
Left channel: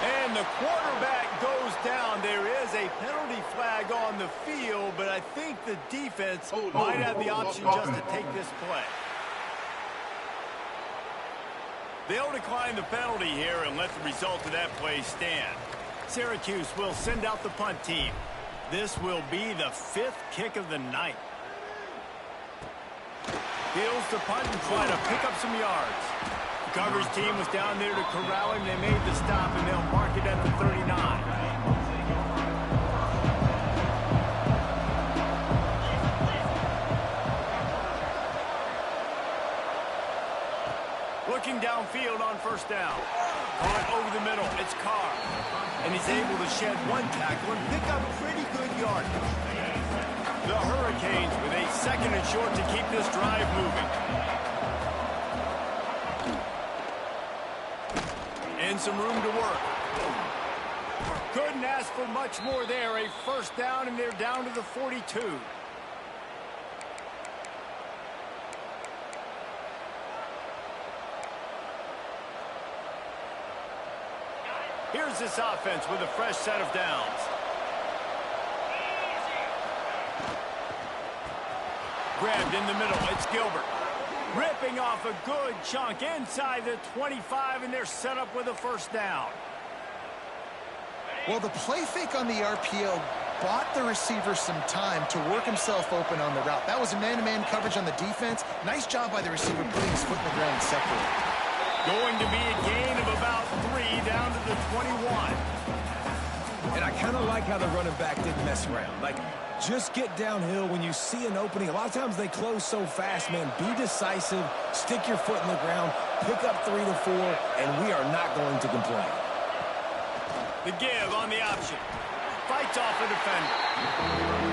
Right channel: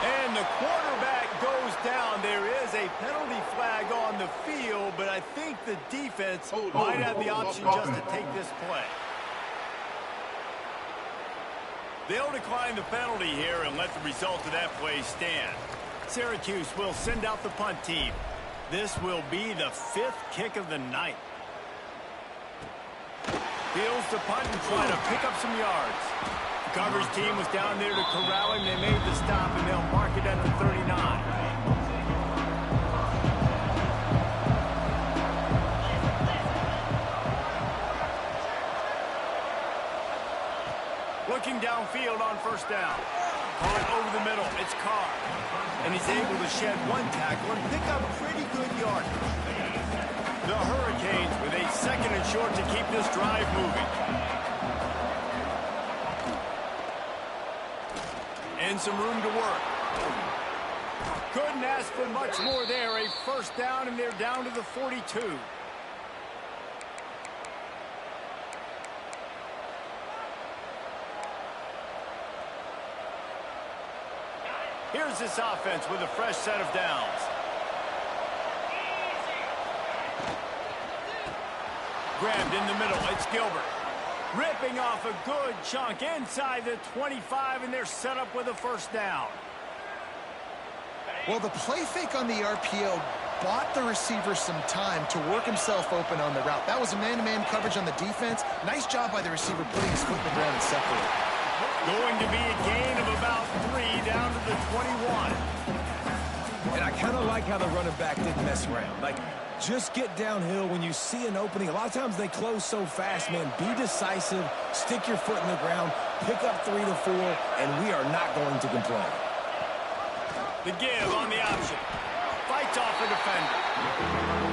And the quarterback goes down. There is a penalty flag on the field, but I think the defense might have the option just to take this play. They'll decline the penalty here and let the result of that play stand. Syracuse will send out the punt team. This will be the 5th kick of the night. Fields the punt and try to pick up some yards. The coverage team was down there to corral him. They made the stop, and they'll mark it at the 39. Looking downfield on first down. Caught over the middle. It's Carr. And he's able to shed one tackle and pick up pretty good yardage. The Hurricanes with a 2nd and short to keep this drive moving. And some room to work. Couldn't ask for much more there. A first down, and they're down to the 42. Here's this offense with a fresh set of downs. Grabbed in the middle. It's Gilbert. Ripping off a good chunk inside the 25, and they're set up with a first down. Well, the play fake on the RPO bought the receiver some time to work himself open on the route. That was a man-to-man coverage on the defense. Nice job by the receiver putting his foot in the ground and separating. Going to be a gain of about 3 down to the 21. And I kind of like how the running back didn't mess around. Like, just get downhill when you see an opening. A lot of times they close so fast, man. Be decisive, stick your foot in the ground, pick up 3 to 4, and we are not going to complain. The give on the option. Fights off a defender.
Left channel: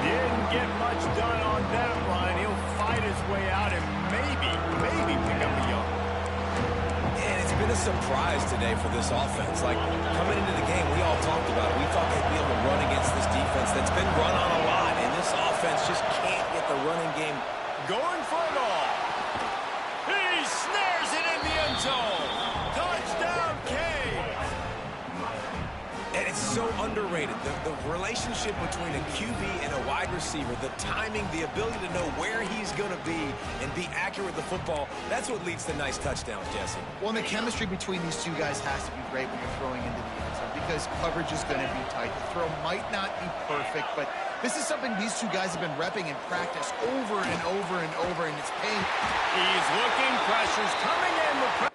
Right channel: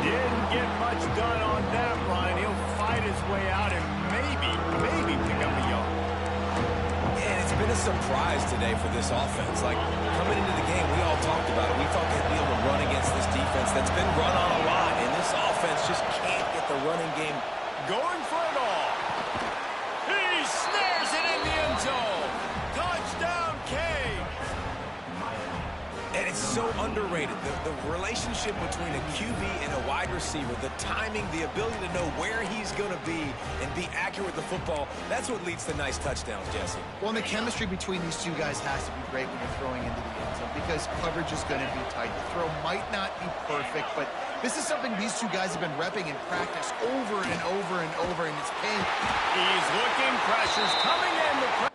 Didn't get much done on that run. He'll fight his way out and maybe pick up a yard. And it's been a surprise today for this offense. Like, coming into the game, we all talked about it. We thought they'd be able to run against this defense that's been run on a lot, and this offense just can't get the running game going for it all. He snares it in the end zone. Touchdown, Canes. And it's so underrated. The relationship between a QB and a wide receiver, the timing, the ability to know where he's going to be and be accurate with the football, that's what leads to nice touchdowns, Jesse. Well, and the chemistry between these two guys has to be great when you're throwing into the end zone because coverage is going to be tight. The throw might not be perfect, but this is something these two guys have been repping in practice over and over and over, and it's paying. He's looking. Pressure's coming in. The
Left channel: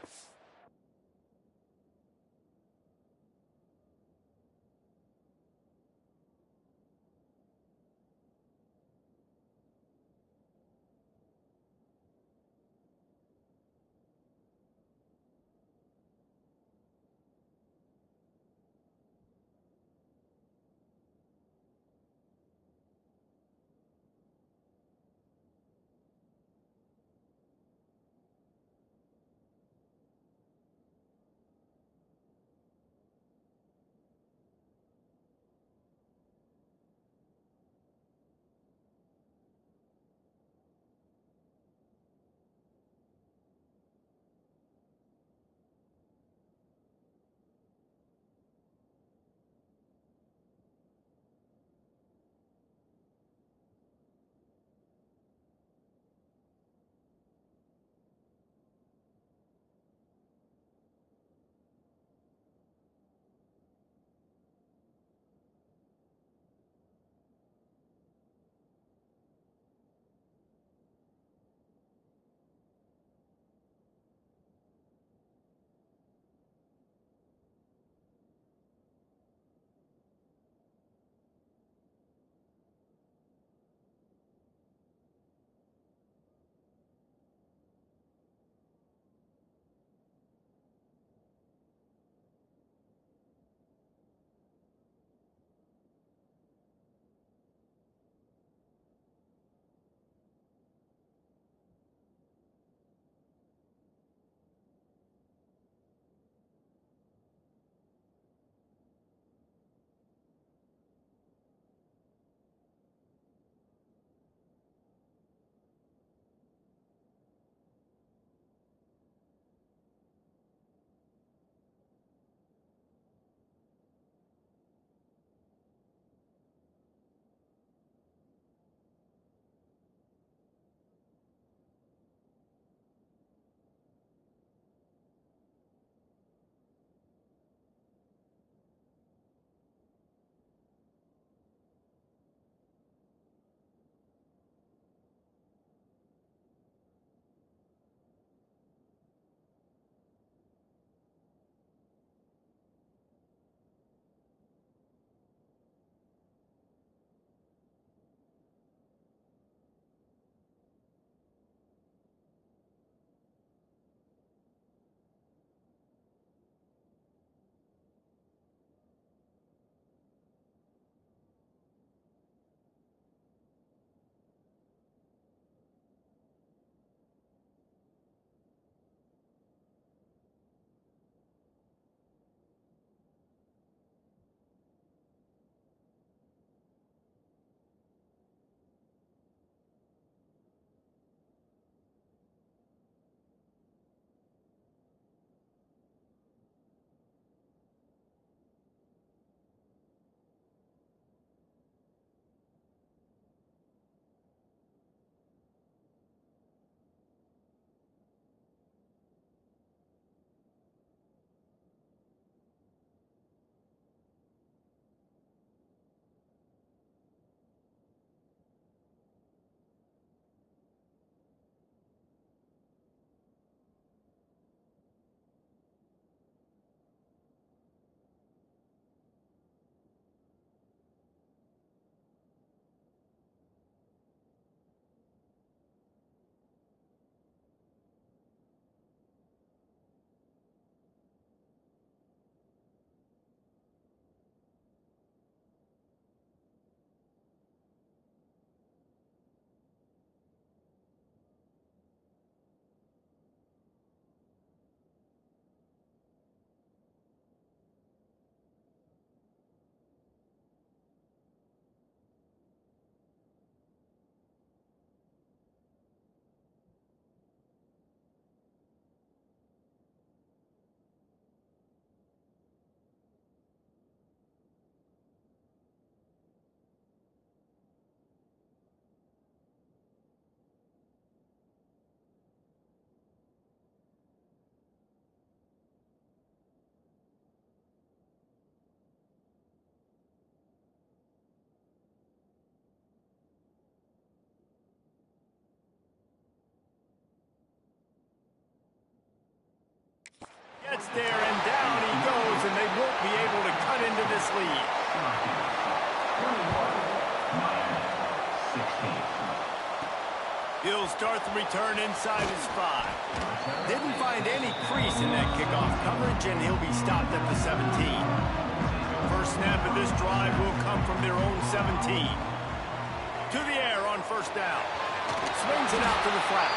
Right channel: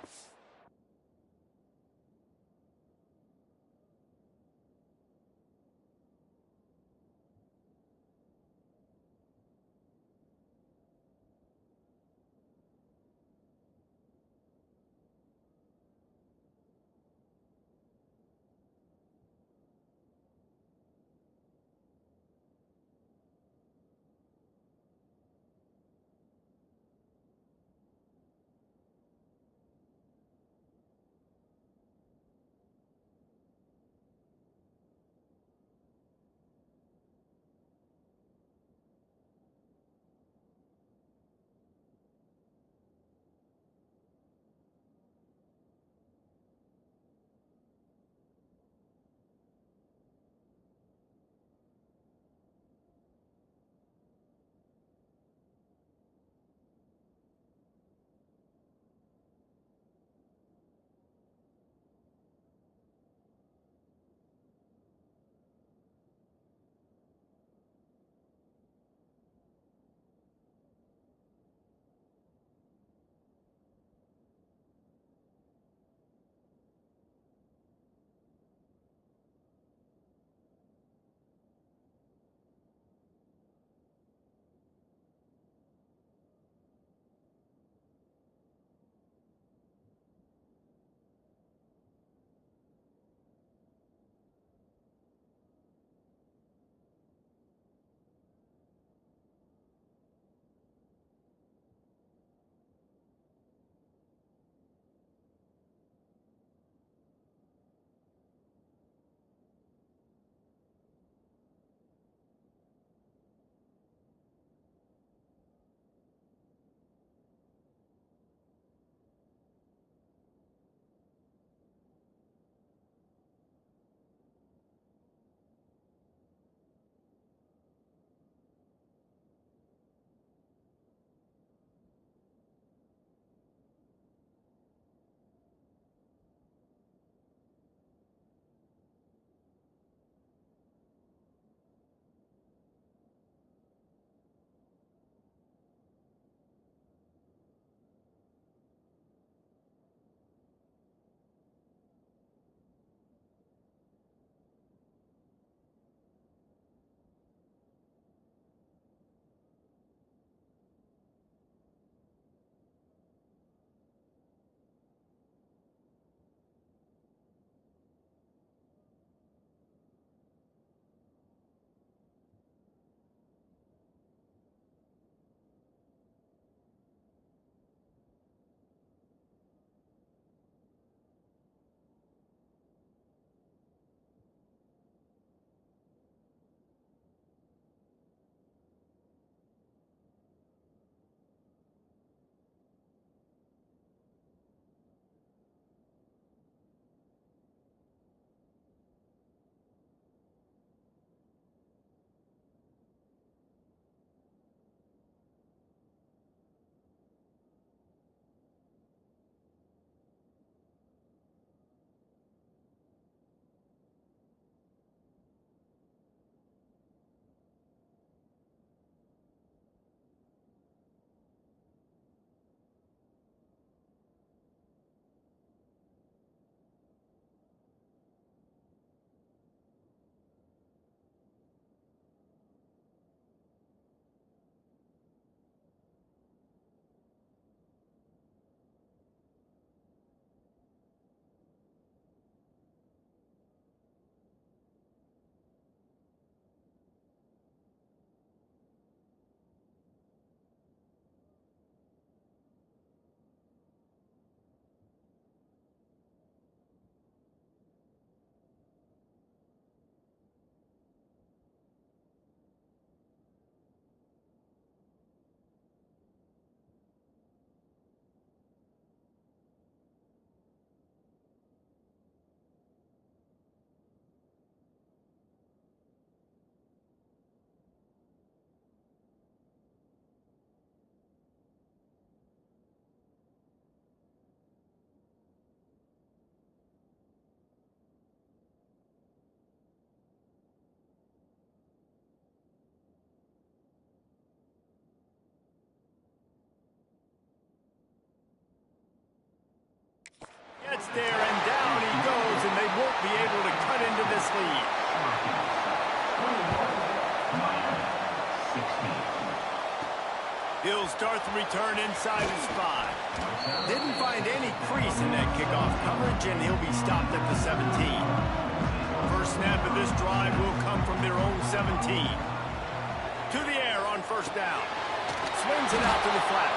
there, and down he goes, and they won't be able to cut into this lead. 16. He'll start the return inside his 5. Didn't find any crease in that kickoff coverage, and he'll be stopped at the 17. First snap of this drive will come from their own 17. To the air on first down. Swings it out to the flat.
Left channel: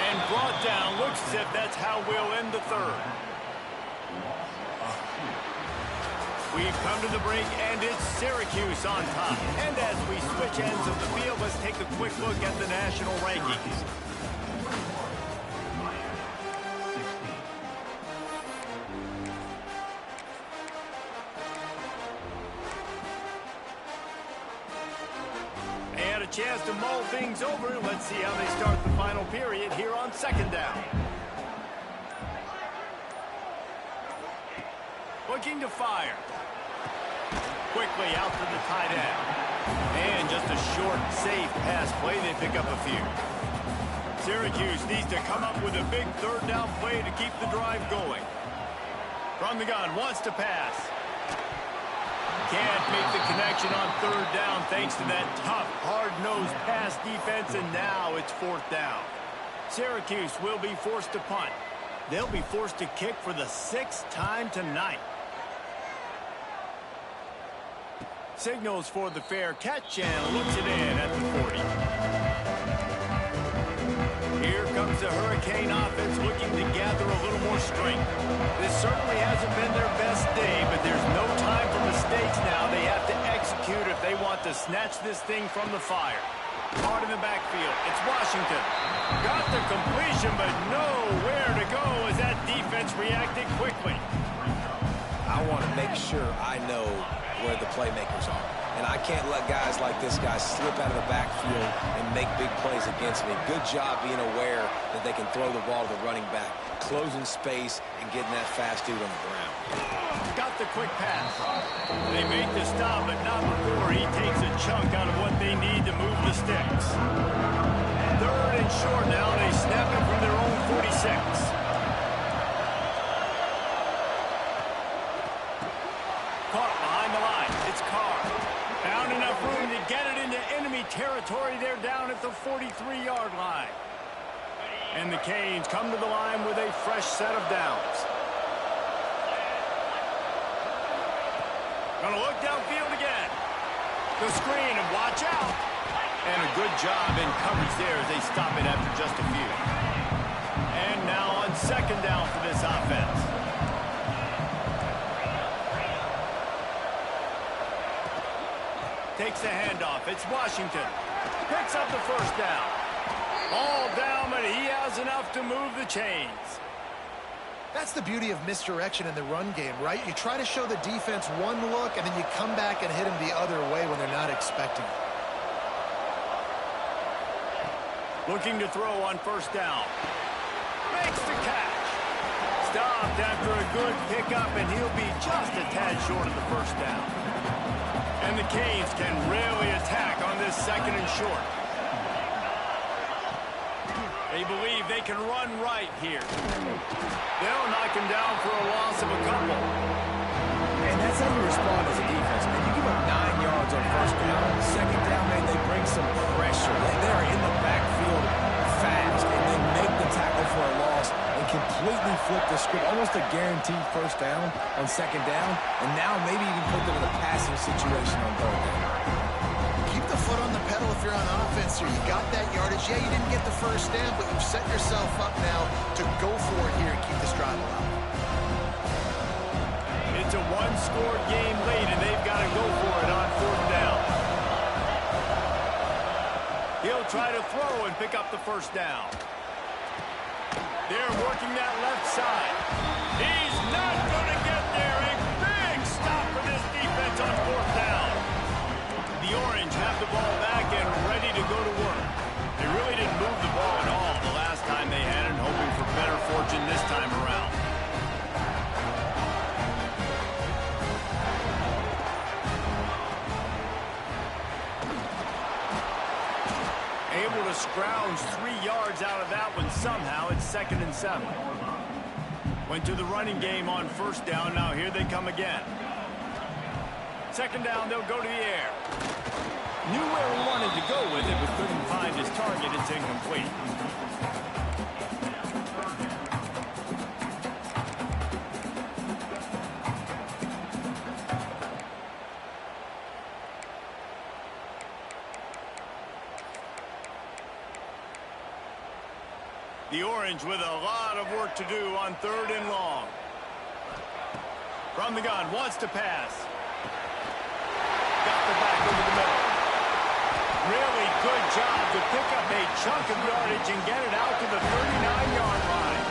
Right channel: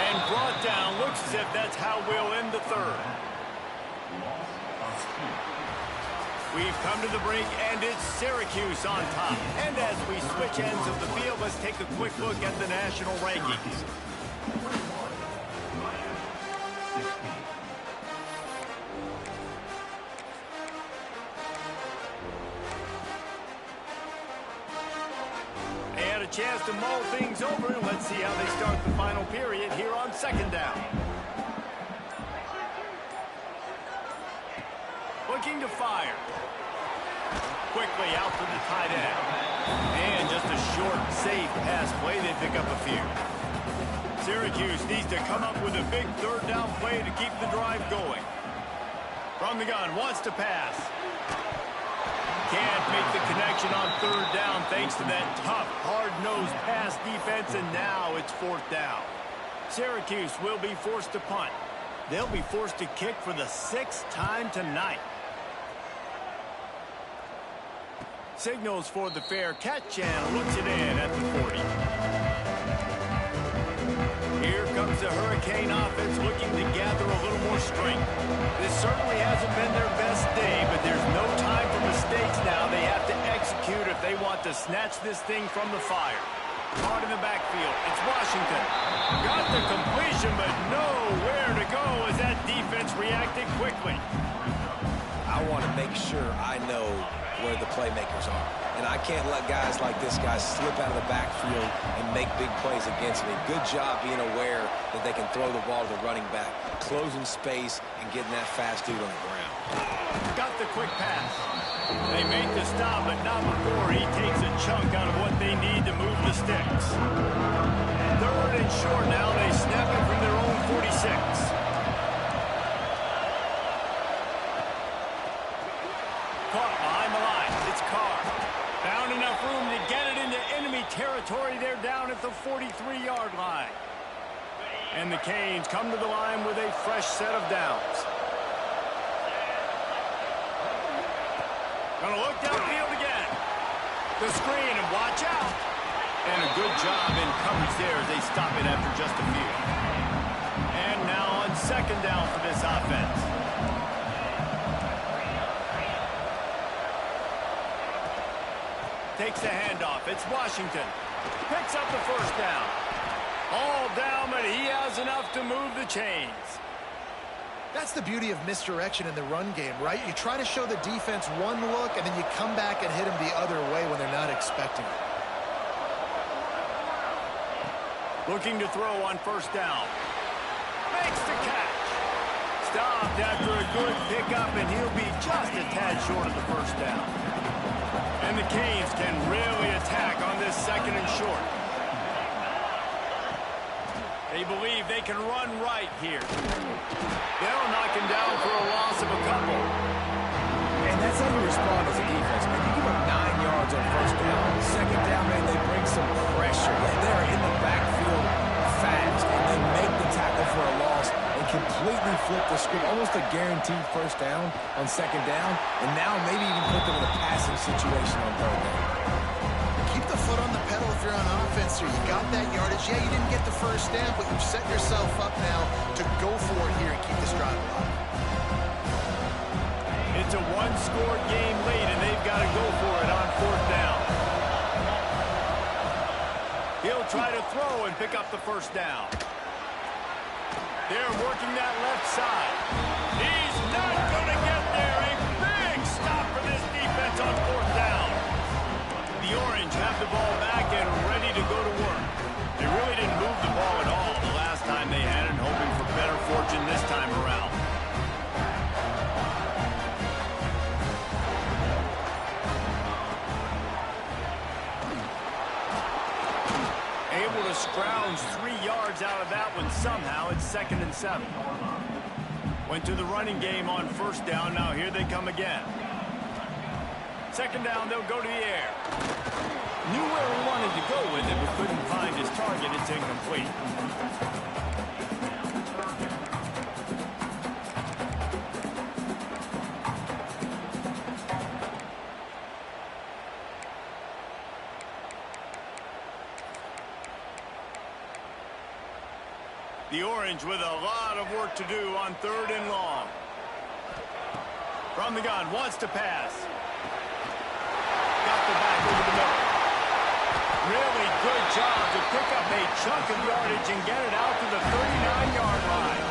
And brought down. Looks as if that's how we'll end the third. We've come to the break, and it's Syracuse on top. And as we switch ends of the field, let's take a quick look at the national rankings. They had a chance to mull things over. Let's see how they start the final period here on second down. Looking to fire. Quickly out to the tight end. And just a short, safe pass play. They pick up a few. Syracuse needs to come up with a big third down play to keep the drive going. From the gun, wants to pass. Can't make the connection on third down thanks to that tough, hard-nosed pass defense, and now it's fourth down. Syracuse will be forced to punt. They'll be forced to kick for the 6th time tonight. Signals for the fair catch and looks it in at the 40. Here comes the Hurricane offense looking to gather a little more strength. This certainly hasn't been their best day, but there's no time for mistakes now. They have to execute if they want to snatch this thing from the fire. Caught in the backfield. It's Washington. Got the completion, but nowhere to go as that defense reacted quickly. I want to make sure I know where the playmakers are. And I can't let guys like this guy slip out of the backfield and make big plays against me. Good job being aware that they can throw the ball to the running back, closing space, and getting that fast dude on the ground. Got the quick pass. They make the stop, but not before he takes a chunk out of what they need to move the sticks. Third and short now. They snap it from their own 46. Caught behind the line. It's Carr. Found enough room to get it into enemy territory. They're down at the 43-yard line. And the Canes come to the line with a fresh set of downs. Gonna look downfield again. The screen, and watch out. And a good job in coverage there as they stop it after just a few. And now on second down for this offense. Takes the handoff. It's Washington. Picks up the first down. All down, but he has enough to move the chains. That's the beauty of misdirection in the run game, right? You try to show the defense one look, and then you come back and hit them the other way when they're not expecting it. Looking to throw on first down. Makes the catch. Stopped after a good pickup, and he'll be just a tad short of the first down. And the Canes can really attack on this second and short. They believe they can run right here. They'll knock him down for a loss of a couple. And that's how you respond as a defense, man. You give up 9 yards on first down. Second down, man, they bring some pressure. They're in the backfield fast, and they make the tackle for a loss and completely flip the script. Almost a guaranteed first down on second down, and now maybe even put them in a passing situation on third down. Keep the foot on the pedal if you're on offense here. You got that yardage. Yeah, you didn't get the first down, but you've set yourself up now to go for it here and keep this drive alive. It's a one-score game late, and they've got to go for it on fourth down. He'll try to throw and pick up the first down. They're working that left side. He's not going to get there. A big stop for this defense on fourth down. The Orange have the ball back and ready to go to work. They really didn't move the ball at all the last time they had it, hoping for better fortune this time around. Able to scrounge 3 yards out of that one somehow. It's 2nd and 7. Went to the running game on first down. Now here they come again. Second down, they'll go to the air. Knew where he wanted to go with it, but couldn't find his target. It's incomplete. The Orange with a lot of work to do on 3rd and long. From the gun, wants to pass. Got the back over the middle. Really good job to pick up a chunk of yardage and get it out to the 39-yard line.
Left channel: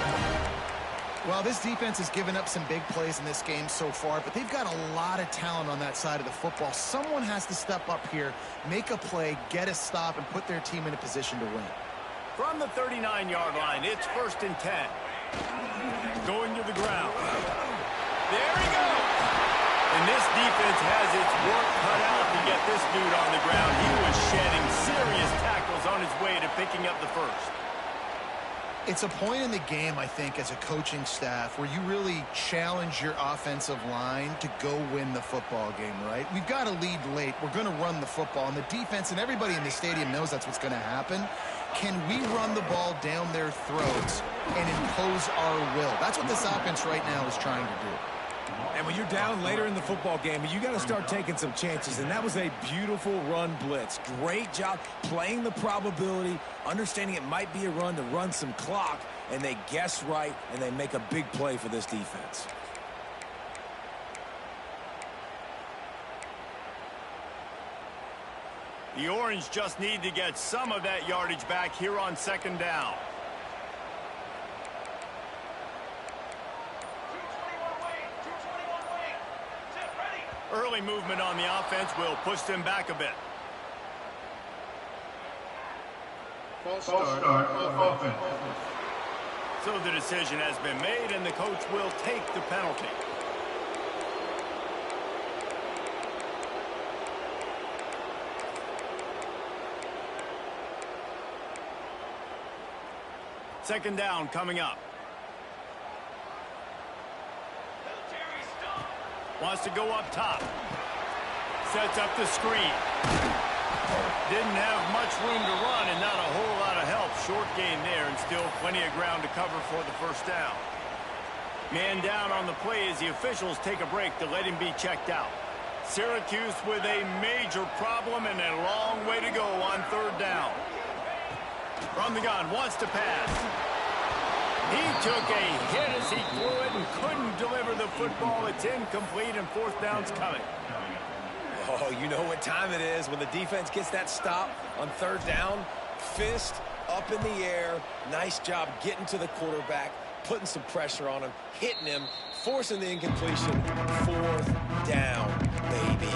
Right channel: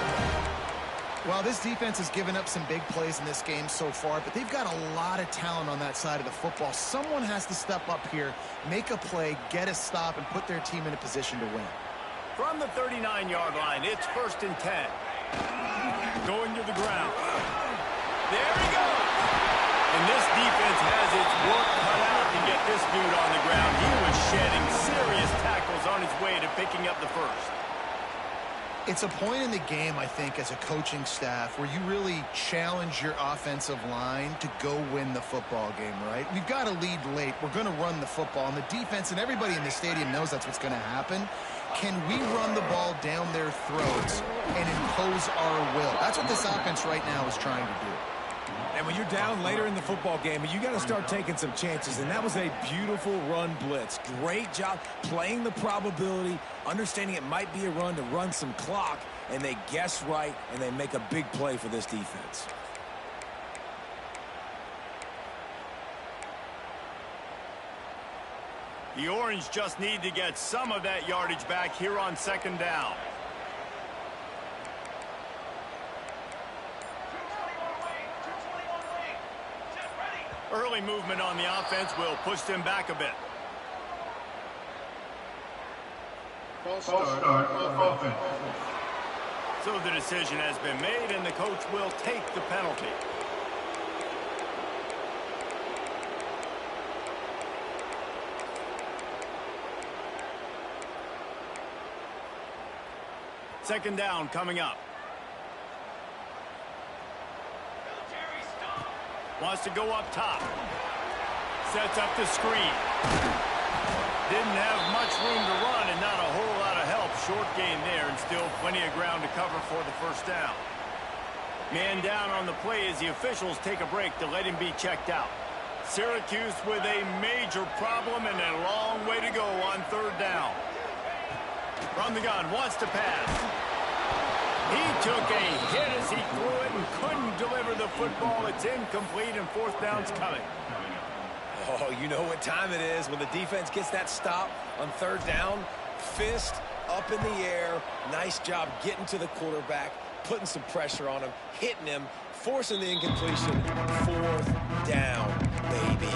Well, this defense has given up some big plays in this game so far, but they've got a lot of talent on that side of the football. Someone has to step up here, make a play, get a stop, and put their team in a position to win. From the 39-yard line, it's 1st and 10. Going to the ground. There he goes. And this defense has its work cut out to get this dude on the ground. He was shedding serious tackles on his way to picking up the first. It's a point in the game, I think, as a coaching staff where you really challenge your offensive line to go win the football game, right? We've got to lead late. We're going to run the football. And the defense and everybody in the stadium knows that's what's going to happen. Can we run the ball down their throats and impose our will? That's what this offense right now is trying to do. And when you're down later in the football game, you got to start taking some chances. And that was a beautiful run blitz. Great job playing the probability, understanding it might be a run to run some clock, and they guess right, and they make a big play for this defense. The Orange just need to get some of that yardage back here on 2nd down. Early movement on the offense will push them back a bit. False start offense. So the decision has been made, and the coach will take the penalty. Second down coming up. Wants to go up top. Sets up the screen. Didn't have much room to run and not a whole lot of help. Short gain there and still plenty of ground to cover for the first down. Man down on the play as the officials take a break to let him be checked out. Syracuse with a major problem and a long way to go on 3rd down. From the gun, wants to pass. He took a hit as he threw it and couldn't deliver the football. It's incomplete, and 4th down's coming. Oh, you know what time it is when the defense gets that stop on 3rd down. Fist up in the air. Nice job getting to the quarterback, putting some pressure on him, hitting him, forcing the incompletion. 4th down, baby.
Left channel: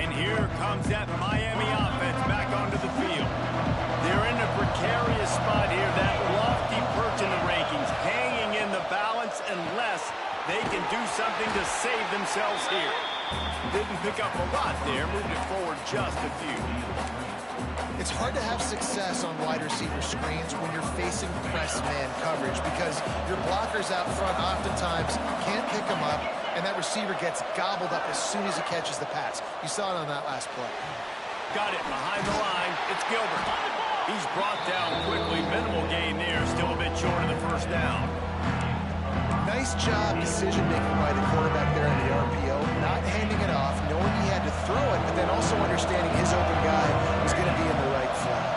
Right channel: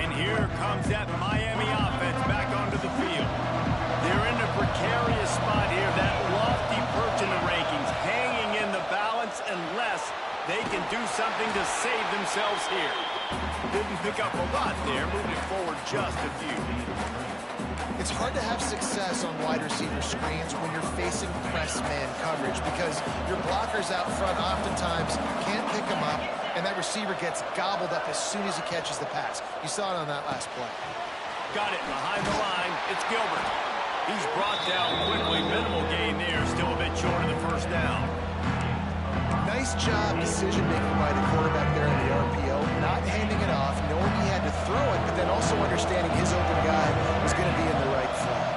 And here comes that Miami offense back onto the field. They're in a precarious spot here, that lofty perch in the rankings, hanging in the balance unless they can do something to save themselves here. Didn't pick up a lot there, moved it forward just a few. It's hard to have success on wide receiver screens when you're facing press man coverage because your blockers out front oftentimes can't pick them up, and that receiver gets gobbled up as soon as he catches the pass. You saw it on that last play. Got it behind the line. It's Gilbert. He's brought down quickly. Minimal gain there. Still a bit short of the first down. Nice job decision-making by the quarterback there in the RPO. Not handing it off, knowing he had to throw it, but then also understanding his open guy was going to be in the right flat.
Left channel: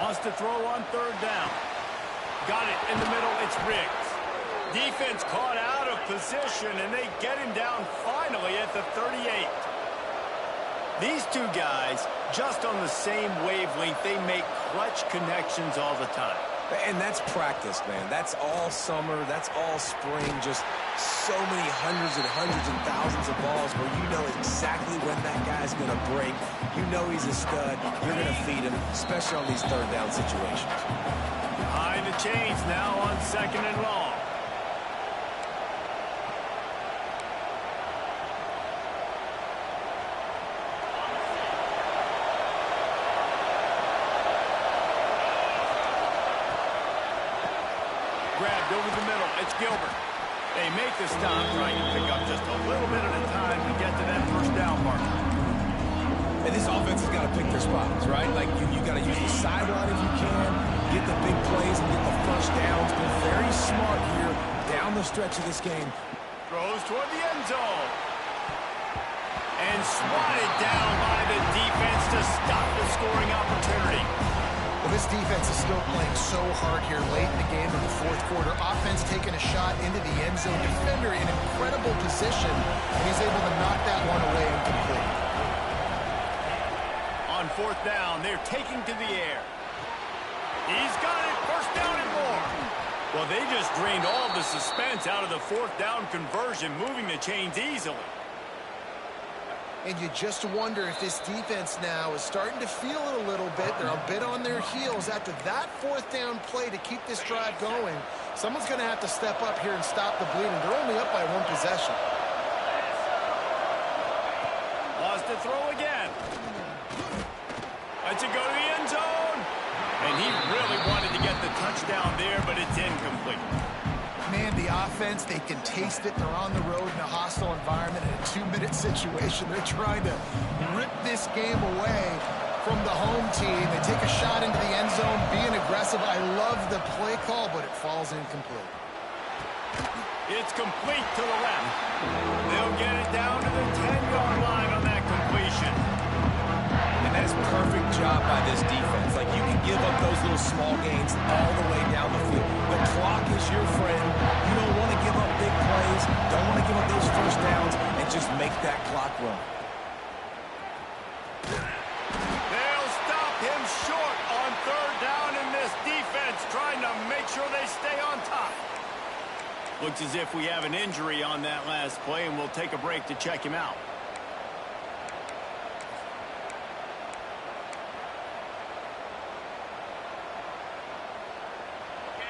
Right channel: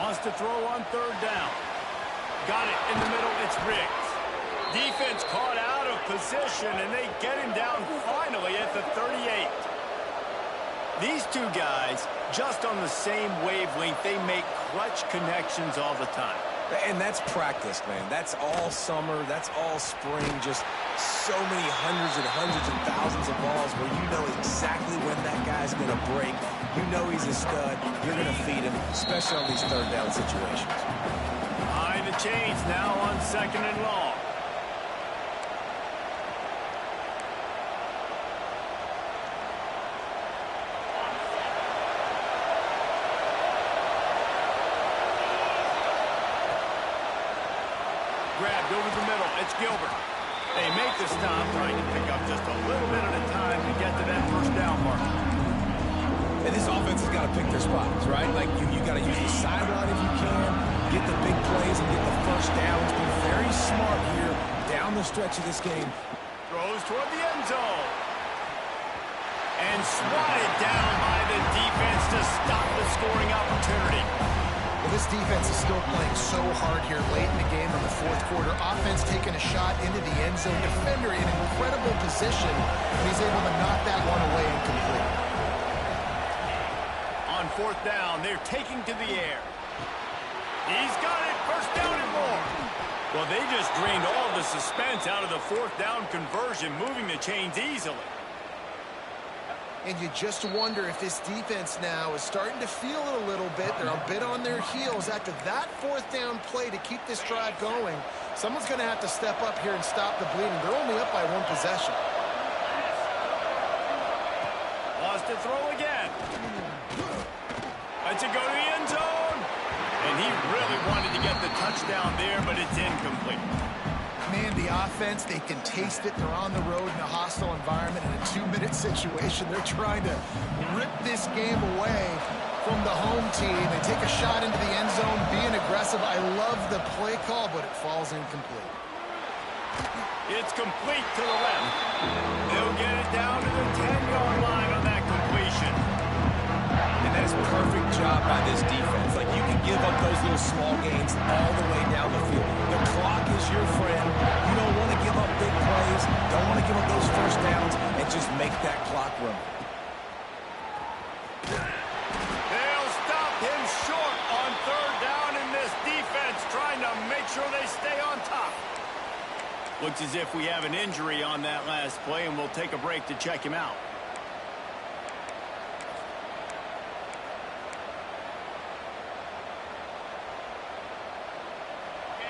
Wants to throw on 3rd down. Got it in the middle. It's Riggs. Defense caught out of position, and they get him down finally at the 38. These two guys, just on the same wavelength, they make clutch connections all the time. And that's practice, man. That's all summer. That's all spring. Just so many hundreds and hundreds and thousands of balls where you know exactly when that guy's going to break. You know he's a stud. You're going to feed him, especially on these 3rd down situations. High the chains now on 2nd and long. Grabbed over the middle. It's Gilbert. They make the stop, trying to pick up just a little bit at a time to get to that first down mark. And this offense has got to pick their spots, right? Like, you got to use the sideline if you can, get the big plays and get the first downs. Be very smart here down the stretch of this game. Throws toward the end zone. And swatted down by the defense to stop the scoring opportunity. Well, this defense is still playing so hard here late in the game in the fourth quarter. Offense taking a shot into the end zone. Defender in incredible position, and he's able to knock that one away incomplete. On fourth down, they're taking to the air. He's got it. First down and more. Well, they just drained all the suspense out of the fourth down conversion, moving the chains easily. And you just wonder if this defense now is starting to feel it a little bit. They're a bit on their heels after that fourth down play to keep this drive going. Someone's going to have to step up here and stop the bleeding. They're only up by one possession. Lost to throw again. Lets it go to the end zone. And he really wanted to get the touchdown there, but it's incomplete. Man, the offense, they can taste it. They're on the road in a hostile environment in a 2-minute situation. They're trying to rip this game away from the home team. They take a shot into the end zone, being aggressive. I love the play call, but it falls incomplete. It's complete to the left. They'll get it down to the 10-yard line on that completion. And that is a perfect job by this defense. Like, you can give up those little small gains all the way down the field. The clock is your friend. You don't want to give up big plays. Don't want to give up those first downs and just make that clock run. They'll stop him short on third down in this defense, trying to make sure they stay on top. Looks as if we have an injury on that last play, and we'll take a break to check him out.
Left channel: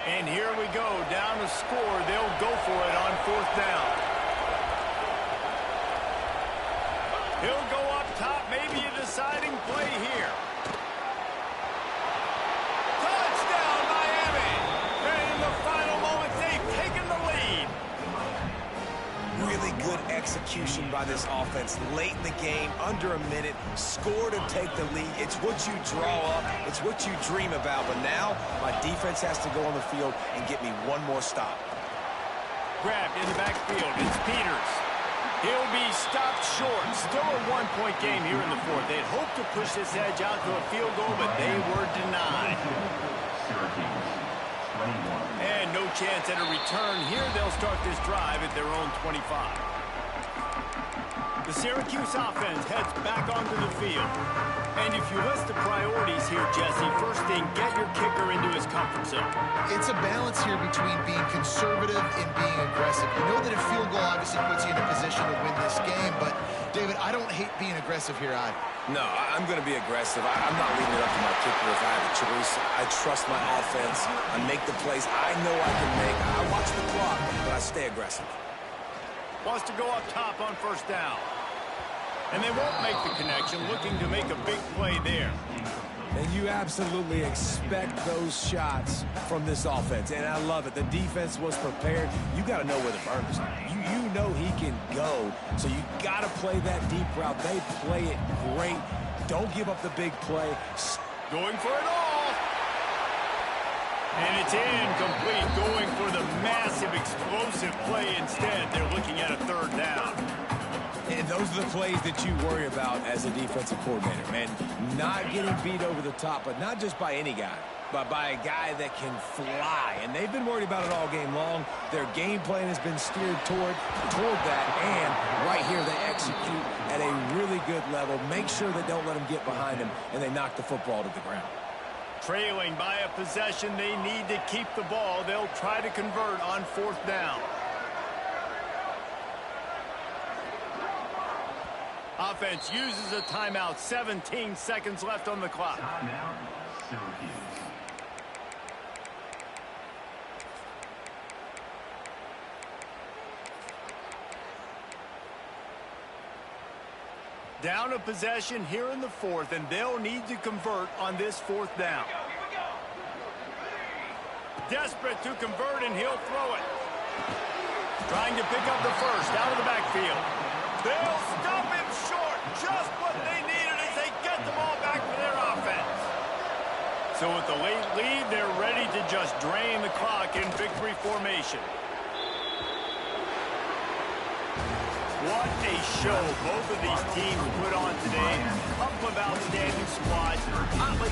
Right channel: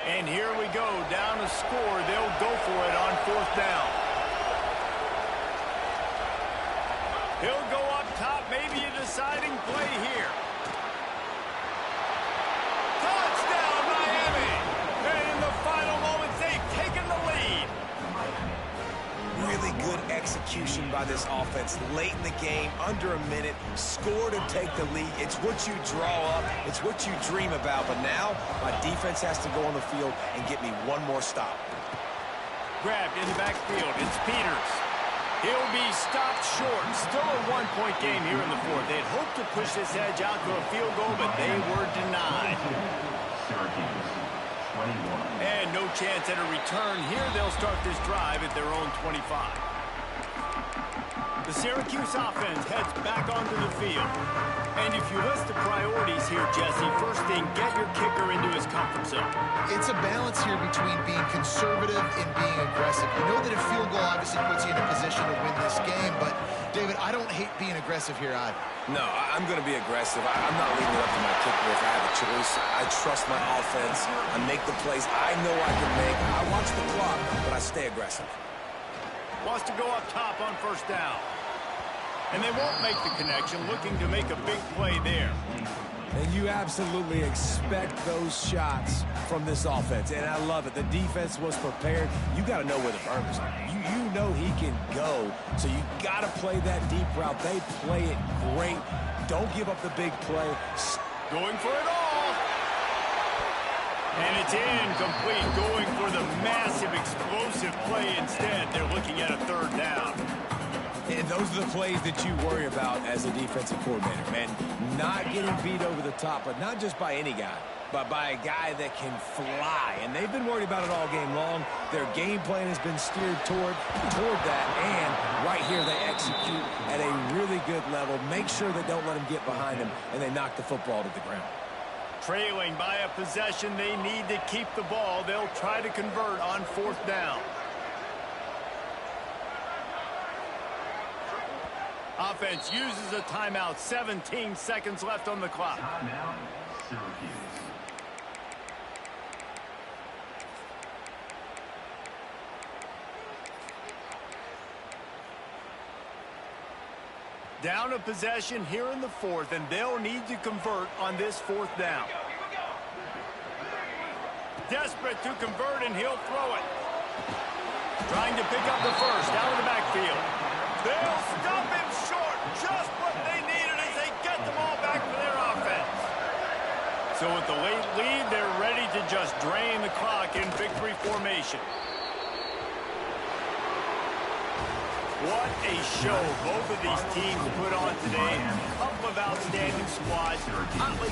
And here we go, down to score. They'll go for it on fourth down. He'll go up top, maybe a deciding play here. Touchdown, Miami! And in the final moments, they've taken the lead. Really good execution by this offense late in the game, under a minute, score to take the lead. It's what you draw up, it's what you dream about, but now my defense has to go on the field and get me one more stop. Grabbed in the backfield, it's Peters. He'll be stopped short. Still a one-point game here in the fourth. They'd hoped to push this edge out to a field goal, but they were denied. And no chance at a return here. They'll start this drive at their own 25. The Syracuse offense heads back onto the field. And if you list the priorities here, Jesse, first thing, get your kicker into his comfort zone. It's a balance here between being conservative and being aggressive. You know that a field goal obviously puts you in a position to win this game, but, David, I don't hate being aggressive here either. No, I'm going to be aggressive. I'm not leaving it up to my kicker if I have a choice. I trust my offense. I make the plays I know I can make. I watch the clock, but I stay aggressive. Wants to go up top on first down. And they won't make the connection, looking to make a big play there. And you absolutely expect those shots from this offense, and I love it. The defense was prepared. You got to know where the burners are. You know he can go, so you got to play that deep route. They play it great. Don't give up the big play. Going for it all. And it's incomplete, going for the massive explosive play instead. They're looking at a third down. And those are the plays that you worry about as a defensive coordinator, man. Not getting beat over the top, but not just by any guy, but by a guy that can fly. And they've been worried about it all game long. Their game plan has been steered toward that, and right here they execute at a really good level. Make sure they don't let them get behind them, and they knock the football to the ground. Trailing by a possession, they need to keep the ball. They'll try to convert on fourth down. Offense uses a timeout. 17 seconds left on the clock. Timeout, Syracuse. Down a possession here in the fourth, and they'll need to convert on this fourth down. desperate to convert, and he'll throw it. Trying to pick up the first out of the backfield. They'll stop him short. Just what they needed as they get the ball back for their offense. So with the late lead, they're ready to just drain the clock in victory formation. What a show both of these teams put on today. A couple of outstanding squads. Hotly